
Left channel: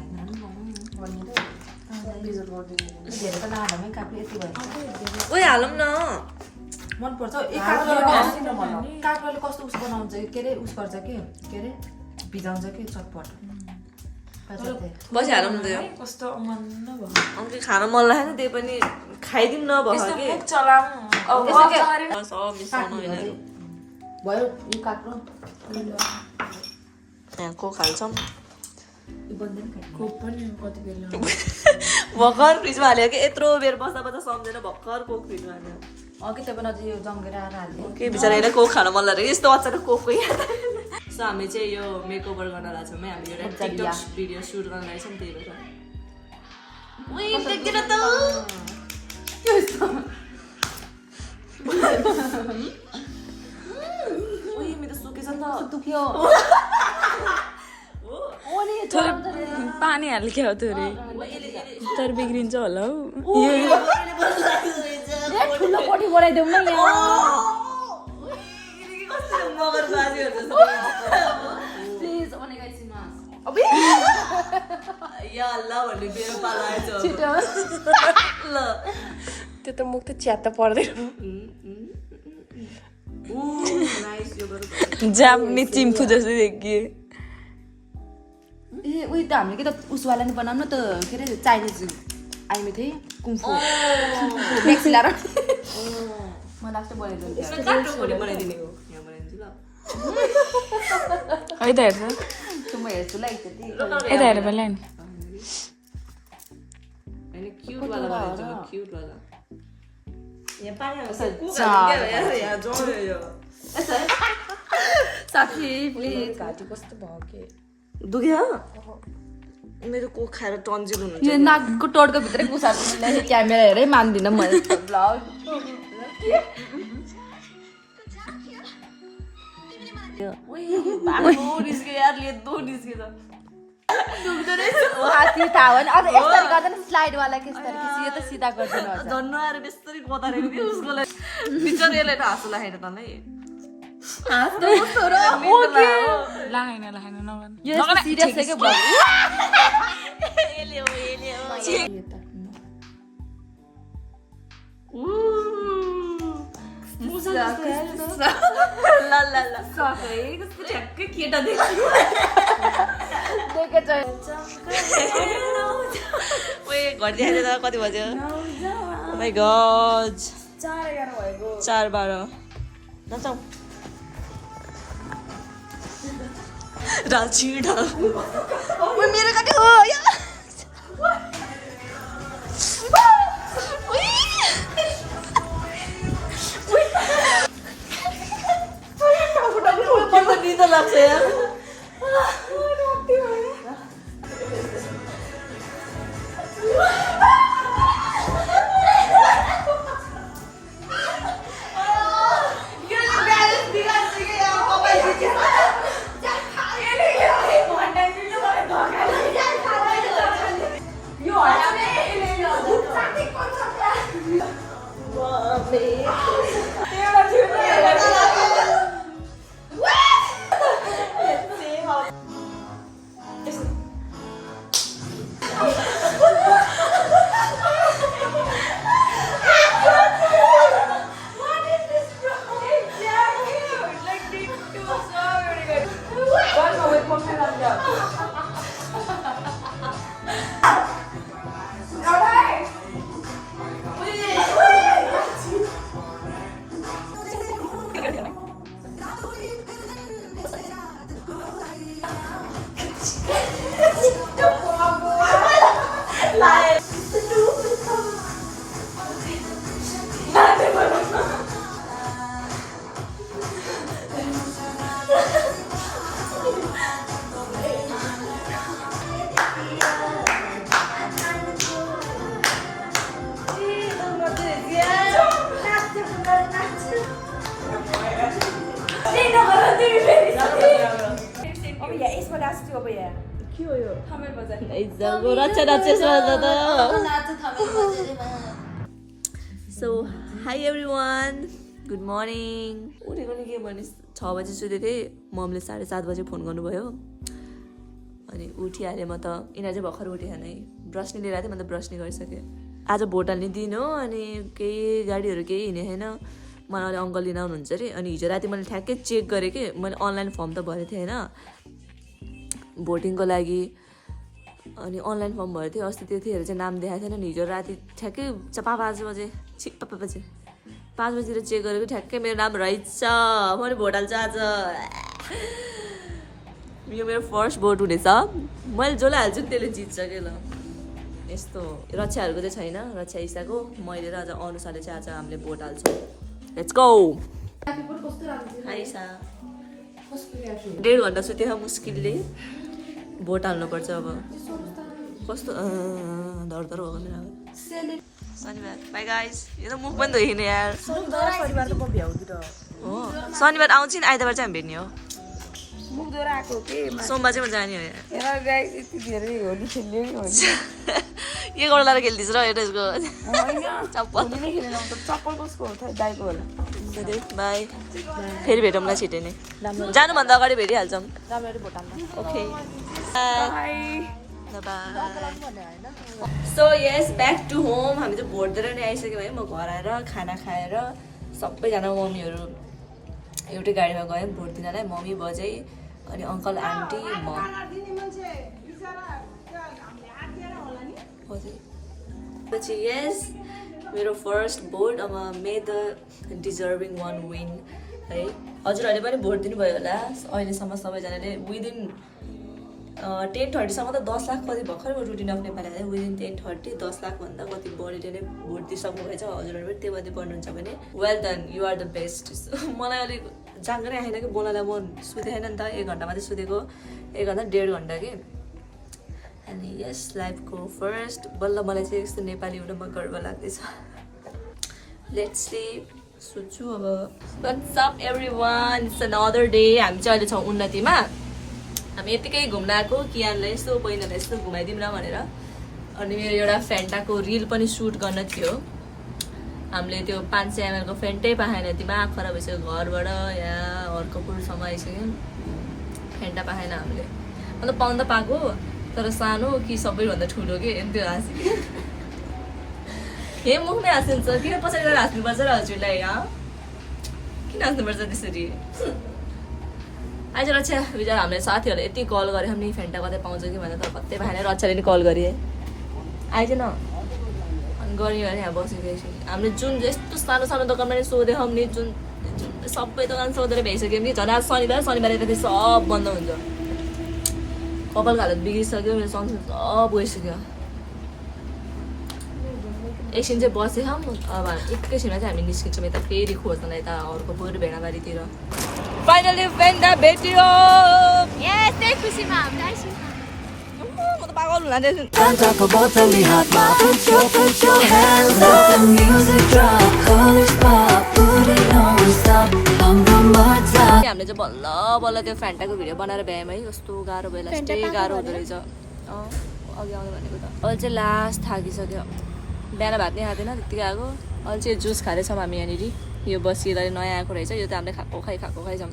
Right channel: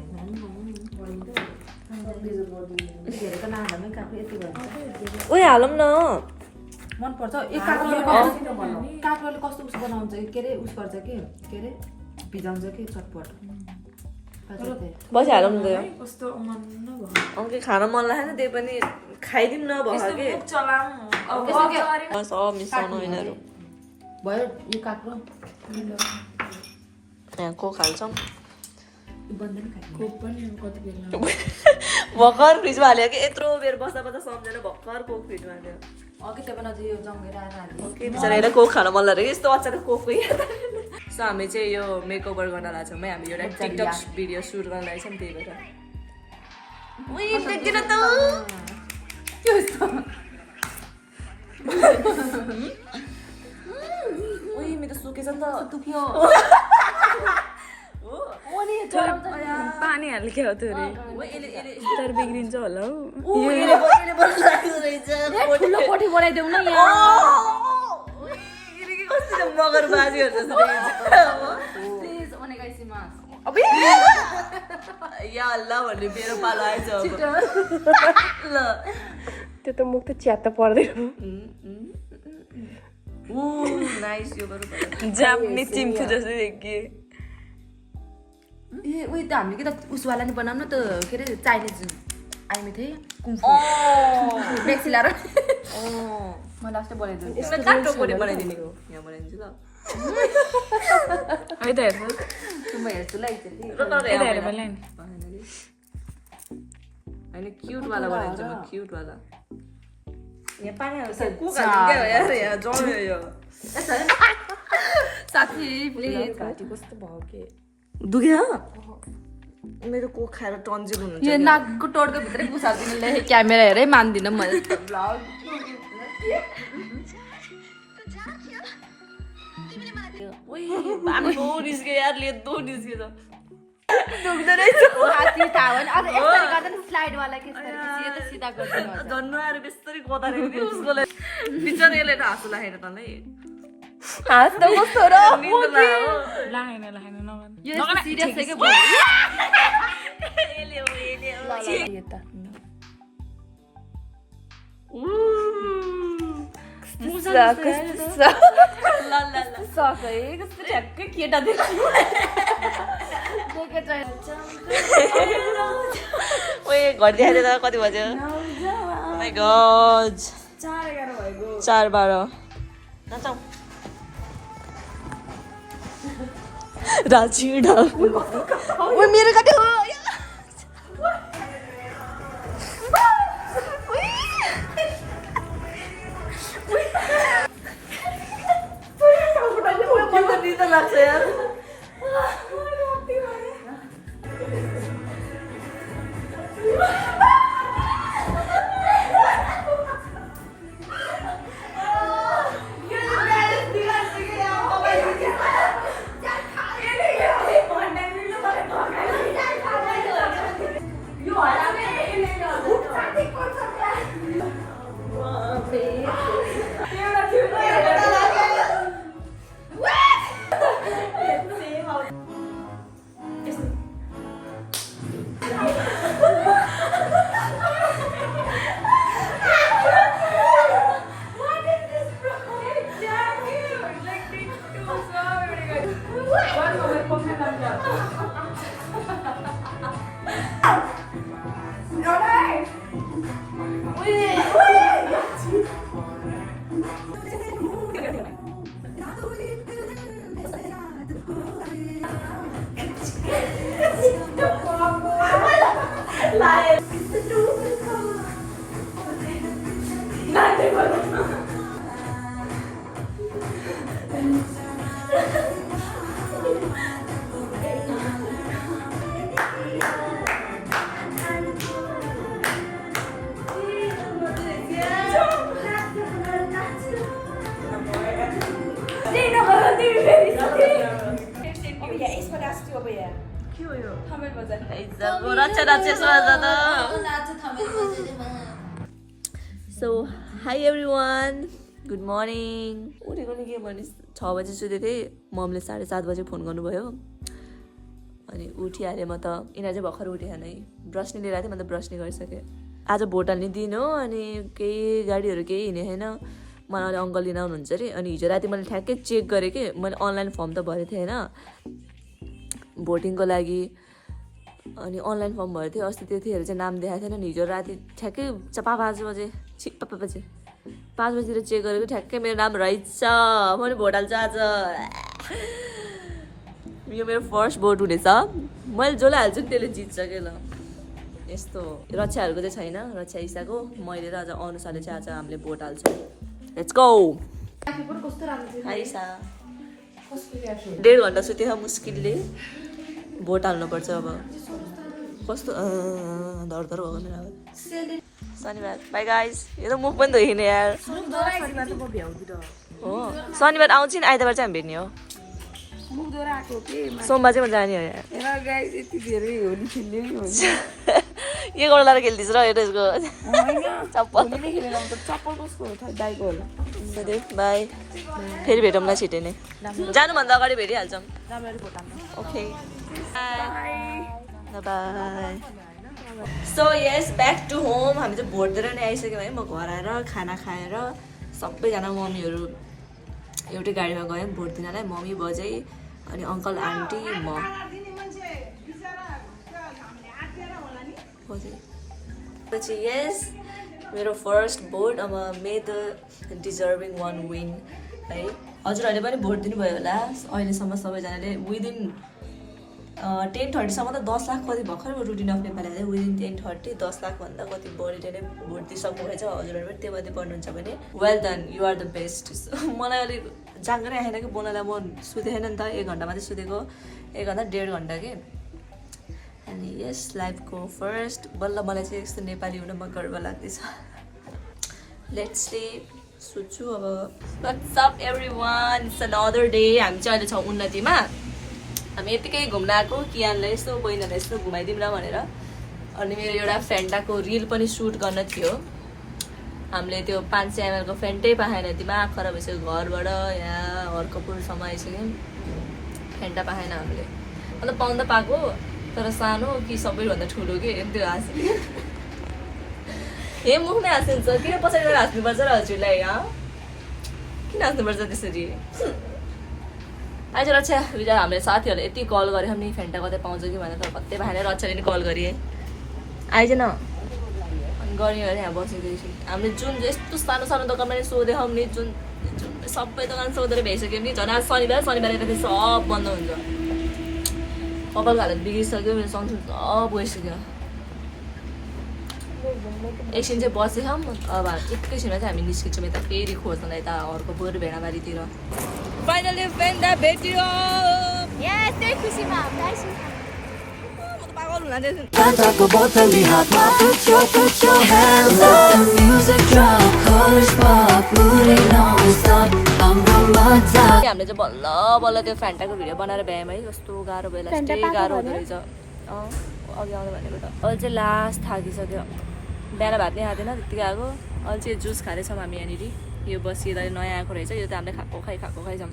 धेरै त नहाल्मै काफी यति भयो उयो हालौँ न मनपर्छ काठुवाले कस्तो उस बनाउँछ के अरे उस गर्छ के अरे भिजाउँछ कि चटपट बसी हालौँ न त यो कस्तो मन न भयो अङ्के खान मन लागेन त्यही पनि खाइदिउँ न भयो कि चलाम सब मिसाउनु यिनीहरू भयो यो काट्नु यहाँ कोक हाल्छौँ कोक पनि कति बेला भर्खर फ्रिजमा हाल्यो कि यत्रो बेर बस्दा बस्दा सम्झेन भर्खर कोक फ्रिजमा हाल्यो अघि त पनि अझै यो जङ्गेर आएर हाल्ने के बिचरा यसलाई कोक खान मन लाग्यो यस्तो अचानक कोकको याद सो हामी चाहिँ यो मेकओभर गर्न लाग्छौँ है हामी एउटा टिकटक भिडियो सुट गर्न लागेछौँ त्यही भएर उही देख्दिन त उही मेरो सुकेछ नि त दुख्यो पानी हाल्के हो त्यो रे तर बिग्रिन्छ होला हौ ठुलो कोठी बनाइदेऊ न यहाँ मगर बाजीहरू जस्तो प्लिज ओनेगाइसिमा या अल्लाह भन्ने मेरो पालो आएछ अब ल त्यो त मुख त च्यात्त पर्दैन नाइस यो गरौँ जाम्ने चिम्फु जस्तो देखिए ए उयो त हामीले के त उसवाला नि बनाउनु त के अरे चाइनिज आइमे थिएँ कुम्फु मेक्सी लाएर मैले लास्टै बनाइदिनु यसलाई गाटो कोडी बनाइदिने हो यहाँ बनाइदिन्छु ल है त हेर्छ म हेर्छु ल एकचोटि यता हेर मलाई नि होइन क्युट वाला बनाइदिन्छु म क्युट वाला यहाँ पानी हाल्छ यहाँ जम्यो यो साथी मेरो घाँटी कस्तो भयो के दुख्यो मेरो कोक खाएर टन्जिङ हुनुहुन्छ यो नाकको टोडको भित्रै कुसार्छु मैले क्यामेरा हेरै मान्दिनँ मैले बाटो निस्क्यो यार लेदो निस्क्यो त दुख्दो रहेछ साथी थाहा भएन अझ यसरी गर्दा नि स्लाइडवाला के यो त सिधा गर्दैन झन् आएर बेस्तरी गदारेको कि उसको लागि बिचरा यसले त हाँसो लागेर त नै हाँस त कस्तो र लाएन नगर्नु यो सिरियस छ के सकै कस्तो ठ्याक्कै केटा देख्छु ओए घर देखाइदिएर कति बज्यो माई गड 4:11 भएको 4:12 नचाउ राजी ढाल मेरो कति हो निदा लाग्छ यार so high everyone good morning उठेको नि के भने 6 बजी सुतेको थिएँ मम्मीले 7:30 बजी फोन गर्नुभयो अनि उठिहालेँ म त यिनीहरू चाहिँ भर्खर उठेन है ब्रस नि लिएर थिएँ म त ब्रस नि गरिसकेँ आज भोट हाल्ने दिन हो अनि केही गाडीहरू केही हिँडेको छैन मलाई अङ्कल लिन आउनुहुन्छ अरे अनि हिजो राति मैले ठ्याक्कै चेक गरेँ कि मैले अनलाइन फर्म त भरेको थिएँ होइन भोटिङको लागि अनि अनलाइन फर्म भरेको थियो अस्ति त्यतिखेर चाहिँ नाम देखाएको थिएन नि हिजो राति ठ्याक्कै 5 बजे 5 बजीतिर चेक गरेको ठ्याक्कै मेरो नाम रहेछ मैले भोट हाल्छु आज यो मेरो फर्स्ट भोट हुनेछ मैले जसलाई हाल्छु नि त्यसले जित्छ के ल यस्तो रक्षाहरूको चाहिँ छैन रक्षा इसाको मैले र आज अनुसारले चाहिँ आज हामीले भोट हाल्छौँ लेट्स गो 1.5 घन्टा सुतेर मुस्किलले भोट हाल्नुपर्छ अब कस्तो धरधर भएको मेरो अब शनिबार बाई गाइस यो त मुख पनि धोइने यार हो शनिबार आउँछ नि आइतबार चाहिँ हामी भेट्ने हो सोमबार चाहिँ म जाने हो यार यो गर्न लाएर खेल्दैछु र हेर यसको चप्पल बाई फेरि भेटौँला छिटै नै जानुभन्दा अगाडि भेटिहाल्छौँ okay so yes back to home हामी चाहिँ भोट दिएर नै आइसक्यौँ है म घर आएर खाना खाएर सबैजना मम्मीहरू एउटै गाडीमा गयौँ भोट दिनलाई मम्मी बजै अनि अङ्कल आन्टी म पछि यस मेरो फर्स्ट भोट अब मे द डिजर्भिङ वान विन है हजुरहरूले पनि भोट दिनुभयो होला अहिलेसम्म सबैजनाले विदिन 10:30सम्म त 10 लाख कति भर्खर रुटिन अफ नेपाली हाल्यो विदिन 10:30 10 लाखभन्दा कति बढीले नै भोट दिइसक्नु भएछ हजुरहरू पनि त्यो मध्ये पढ्नुहुन्छ भने well done you are the best मलाई अलिक जाँगरै आएन कि बोल्नलाई म सुतेको छैन नि त 1 घन्टा मात्रै सुतेको 1 घन्टा 1.5 घन्टा कि अनि यस लाइफको फर्स्ट बल्ल मलाई चाहिँ यस्तो नेपाली हुनमा गर्व लाग्दैछ लेट्स सी सोच्छु अब what's up everyone it's another day हामी चाहिँ अहिले छौँ उन्नतिमा हामी यतिकै घुम्न आएको कियानलाई यसो बहिनीलाई यसो घुमाइदिउँ न भनेर अनि मेरो एउटा फेन्टाको रिल पनि सुट गर्न थियो हामीले त्यो 500 ml को फेन्टै पाएन दिमाग खराब भइसक्यो घरबाट यहाँ हर्कपुरसम्म आइसक्यौँ फेन्टा पाएन हामीले मतलब पाउन त पाएको तर सानो कि सबैभन्दा ठुलो कि त्यो हाँसी हे मुखमै हाँसिन्छ किन पछाडि गएर हाँस्नुपर्छ र हजुरलाई किन हाँस्नुपर्छ त्यसरी आइज रक्षा बिचरा हामीले साथीहरूले यति कल गरेँ नि फेन्टा कतै पाउँछ कि भनेर तर कतै पाएन रक्षाले नि कल गरेँ आइज न अनि गऱ्यो भने यहाँ बसेको एकछिन हामीले जुन यस्तो सानो सानो दोकानमा नि सोधेछौँ नि जुन सबै दोकान सोधेर भ्याइसक्यौँ कि झन् आज शनिबार यता सब बन्द हुन्छ कपालको हालत बिग्रिसक्यो मेरो संसार सब गइसक्यो एकछिन चाहिँ बसेछौँ अब एकैछिनमा चाहिँ हामी निस्किन्छौँ यता फेरि खोज्न यता अर्को बोर भेडाबारीतिर फाइनली फेन्टा भेटियो यस त्यही खुसीमा हामीलाई म त पागल हुन दिएछु Fantaको बोतली हातमा put your hands up music drop college pop booty don't stop हाम्रो मजा हामीले चाहिँ बल्ल बल्ल त्यो फेन्टाको भिडियो बनाएर भ्यायौँ है कस्तो गाह्रो भयो लास्टै गाह्रो हुँदो रहेछ अघि आउनु भनेको त अहिले चाहिँ लास्ट थाकिसक्यो बिहान भात नै खाँदैन त्यतिकै आएको अहिले चाहिँ जुस खाँदैछौँ हामी यहाँनिर यो बसिएर नयाँ आएको रहेछ यो त हामीले खाएको खाइ छौँ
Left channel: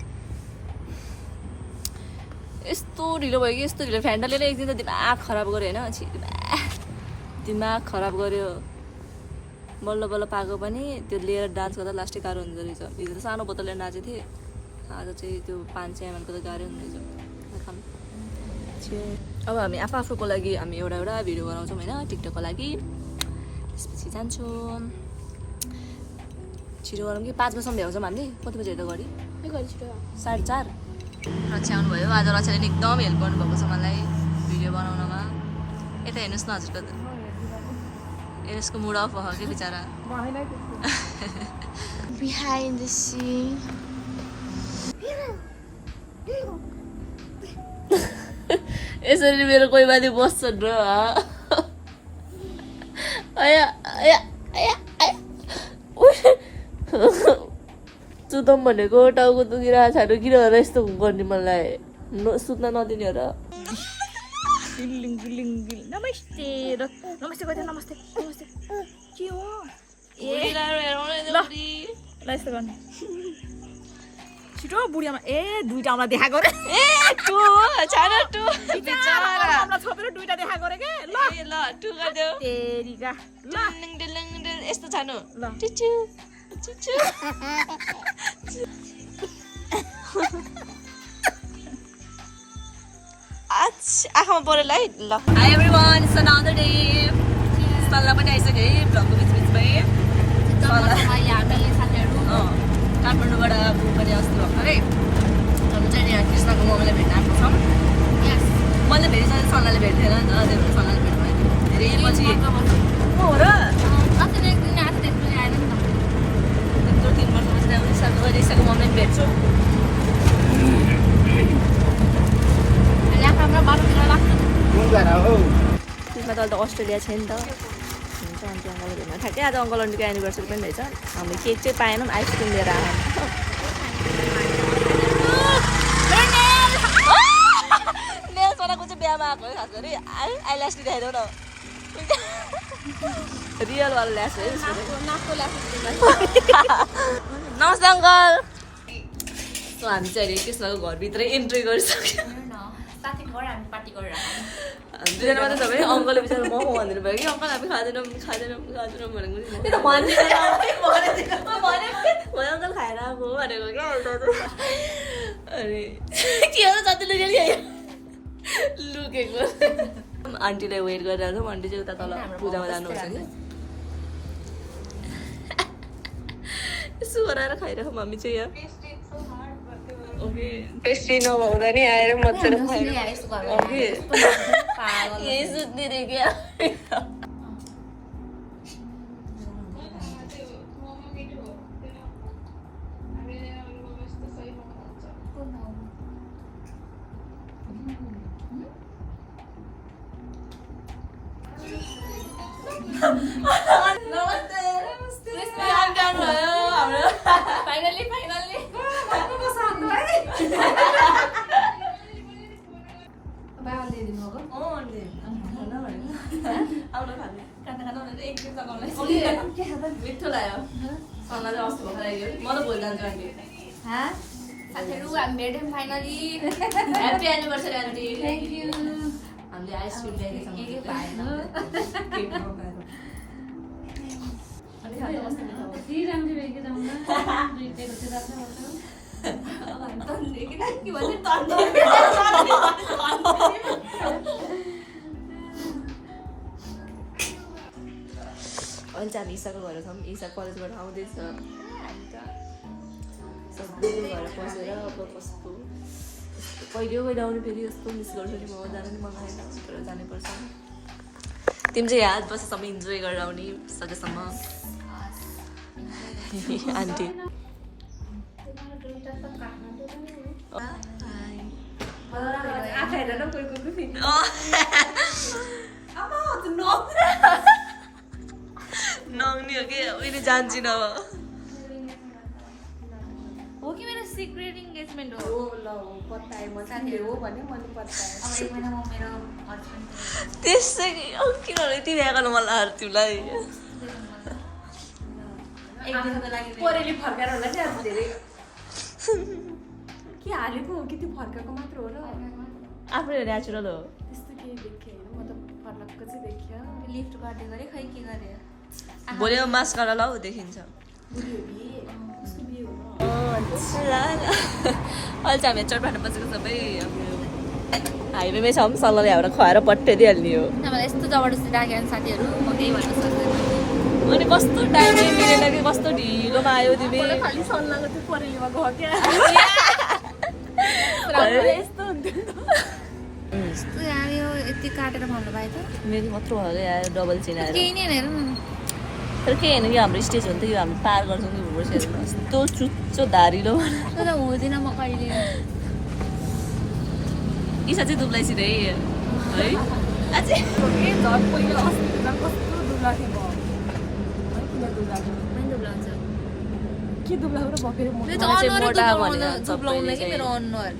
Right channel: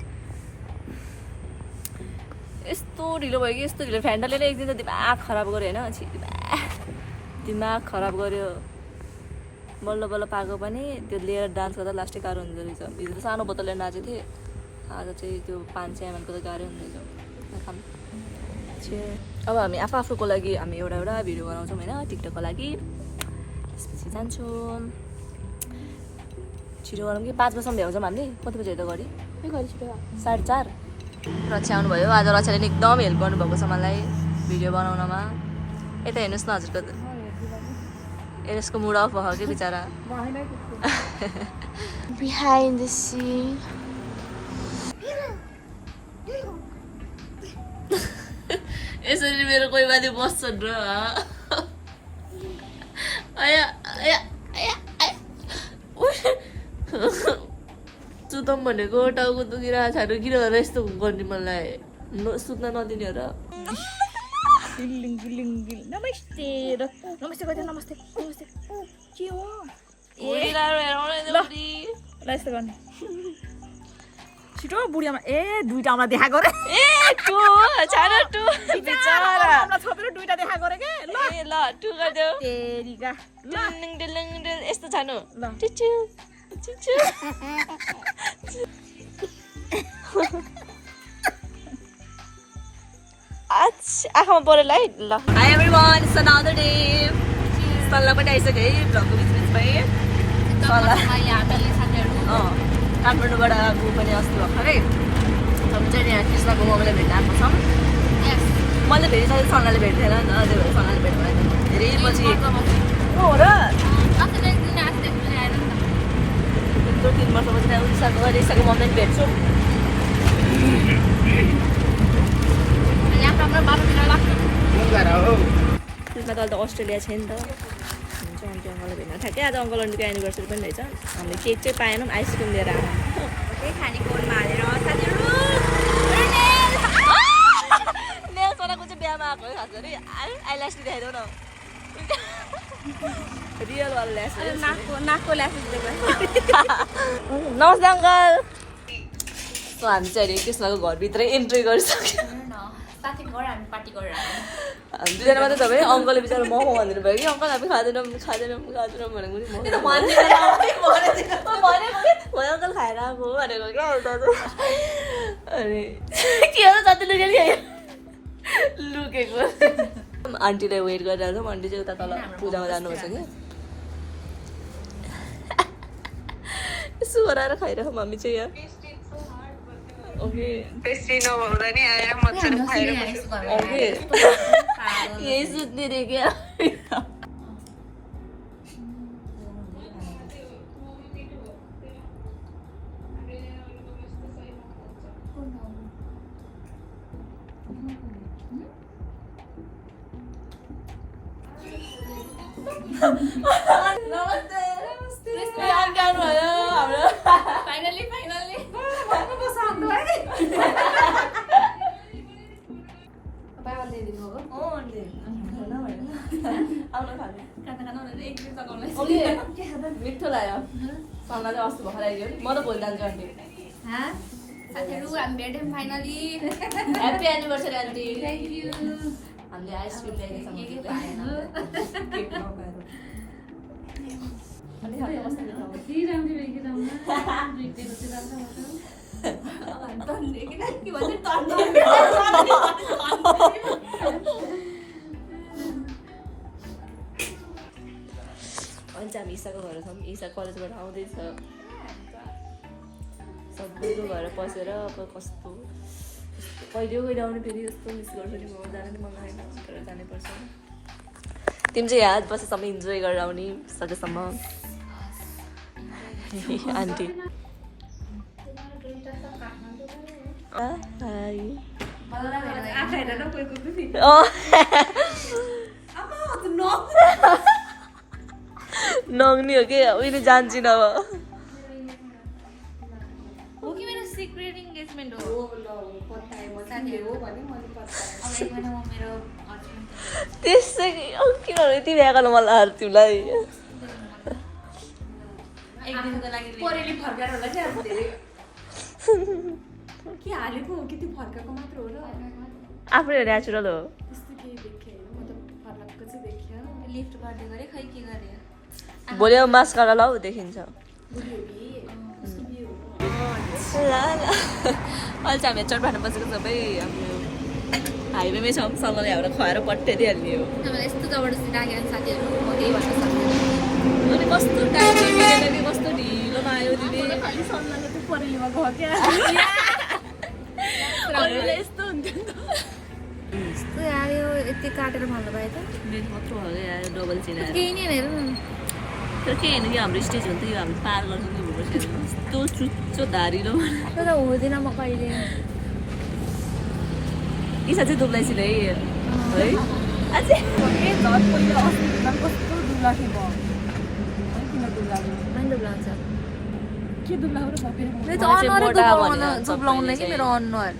यस्तो ढिलो भयो कि यस्तो ढिलो फेन्टाले नै एक दिन त दिमाग खराब गर्यो होइन दिमाग खराब गर्यो बल्ल बल्ल पाएको पनि त्यो लिएर डान्स गर्दा लास्टै गाह्रो हुँदो रहेछ हिजो त सानो बोतल लिएर नाचेको थिएँ आज चाहिँ त्यो 500 ml को त गाह्रो हुँदैछ खाऊँ अब हामी आफूको लागि हामी एउटा भिडियो बनाउँछौँ होइन टिकटकको लागि त्यसपछि जान्छौँ छिटो गरौँ कि 5 बजीसम्म भ्याउँछौँ हामीले कति बजी हेर्दा गरी 4:30 रक्षा आउनुभयो आज रक्षाले एकदम हेल्प गर्नुभएको छ मलाई भिडियो बनाउनमा यता हेर्नुहोस् न हजुरको यसको मुड अफ भयो कि बिचरा बिहाइन्ड द सिन यसरी मेरो कोही माथि बस्छन् र सुतम भनेको टाउको दुखिरहेको छैन किन यस्तो गर्ने मलाई सुत्न नदिने र नमस्ते नमस्ते गयो नमस्ते नमस्ते के हो ल यस्तो गर्ने छिटो बुढियामा ए दुईटा आमा देखा गरे ए टु छाडा टु बिचारा आमा छोपेर दुईटा देखा गरे के ल ए ल टु गर्देऊ तेरीका ल डिलिङ यस्तो छानु ल चिचु चिचु आँखामा परेल है ल high everyone it's another day सल्लाह पनि आइसक्यो है भ्लगको बिचबिचमै काठमाडौँबाट गएको पनि अस्ति भर्खरै हामी चाहिँ यहाँ कृष्णको मम्मीलाई भेट्न आएको छौँ मैले भेटेँ सल्लाहले भेट्थेन नि त त्यही भएर सल्लाहले भेट्नु भयो धेरै पछि हो र यत्रो 3 वर्षपछि इसाको मम्मीलाई भेट्छु त्यसमा त अहिले त अस्ट्रेलिया छ नि त हुन्छ अन्टी अङ्कलले भेट्न ठ्याक्कै आज अङ्कल आन्टीको एनिभर्सरी पनि रहेछ हामीले केक चाहिँ पाएनौँ आइसक्रिम लिएर आएन नेल्सवालाको चाहिँ बिहामा आएको है खास गरी आइल्यास देखाइदेऊ न रियलवाला ल्यास है नमस्ते अङ्कल हामी चाहिँ अहिले कृष्णको घरभित्रै एन्ट्री गरिसक्यौँ दुईजना मात्रै तपाईँ अङ्कलले बिचारा मोमो भनिदिनु भयो कि अङ्कल हामी खाँदैनौँ भनेको भयो अङ्कल खाएर आएको भनेको क्या अनि के हो जति लुकेको आन्टीलाई वेट गरिरहेको छौँ आन्टी चाहिँ उता तल पूजामा जानुहुन्छ कि यसो गराएर खाइरहेको हामी चाहिँ यहाँ ओके पेस्ट्री नभएर नि आएर मजाले खाएर ओके यही सुत्ने क्या नमस्ते फाइनली मिठो लाग्यो सल्लाहले अस्ति भर्खर आइयो म त भोलि जान्छु aunty happy anniversary aunty thank you हामीले आइसक्रिम ल्याइदिएछ हुन्छ हामी ईसाको घर छौँ ईसा कलेजबाट आउँदैछ सबैको घर पसेर अब कस्तो कहिले आउने फेरि यस्तो मिस गर्छु नि म जान नि मन लागेन तर जानैपर्छ तिमी चाहिँ यहाँ बसेसम्म इन्जोय गरेर आउने सकेसम्म आन्टी नग्नी हो कि उहिले जान्छु अब हो कि मेरो सिक्रेट इन्गेजमेन्ट हो त्यसै किन यति बिहा गर्न मन लाग्यो तिमीलाई एक दिनको लागि परेली फर्काएर होला कि अब धेरै के हालेको हो कि त्यो फर्काएको मात्र हो र आफै नेचुरल हो त्यस्तो केही देखेँ होइन म त फर्काएको चाहिँ देखेँ लिफ्ट गर्दै गरे खै के गरे भोलि अब मास्कारा लाऊ देखिन्छ ल ल अहिले चाहिँ हामी चटपाटो बसेको सबै अब हाइवेमै सँगसँगै ल्याएर खुवाएर पट्याइदिइहाल्ने हो नभए यस्तो जबरजस्ती राख्यो भने साथीहरू म केही भन्न सक्दिनँ अनि कस्तो टाइमिङ मिलेन कि कस्तो ढिलोमा आयो दिदी यस्तो हुन्थ्यो यस्तो यार यो यति काटेर भन्नु पाएँ त मेरो मात्र भयो क्या डबल चेन आएर केही नि हेर न तर के होइन कि हाम्रो स्टेज हुन्थ्यो यो हामी पार गर्छौँ कि हुनुपर्छ यस्तो चुच्चो धारिलो तर हुँदैन म कहिले इसा चाहिँ दुब्लाइसिन है अनुहारै दुब्लाउने कि मेरो अनुहार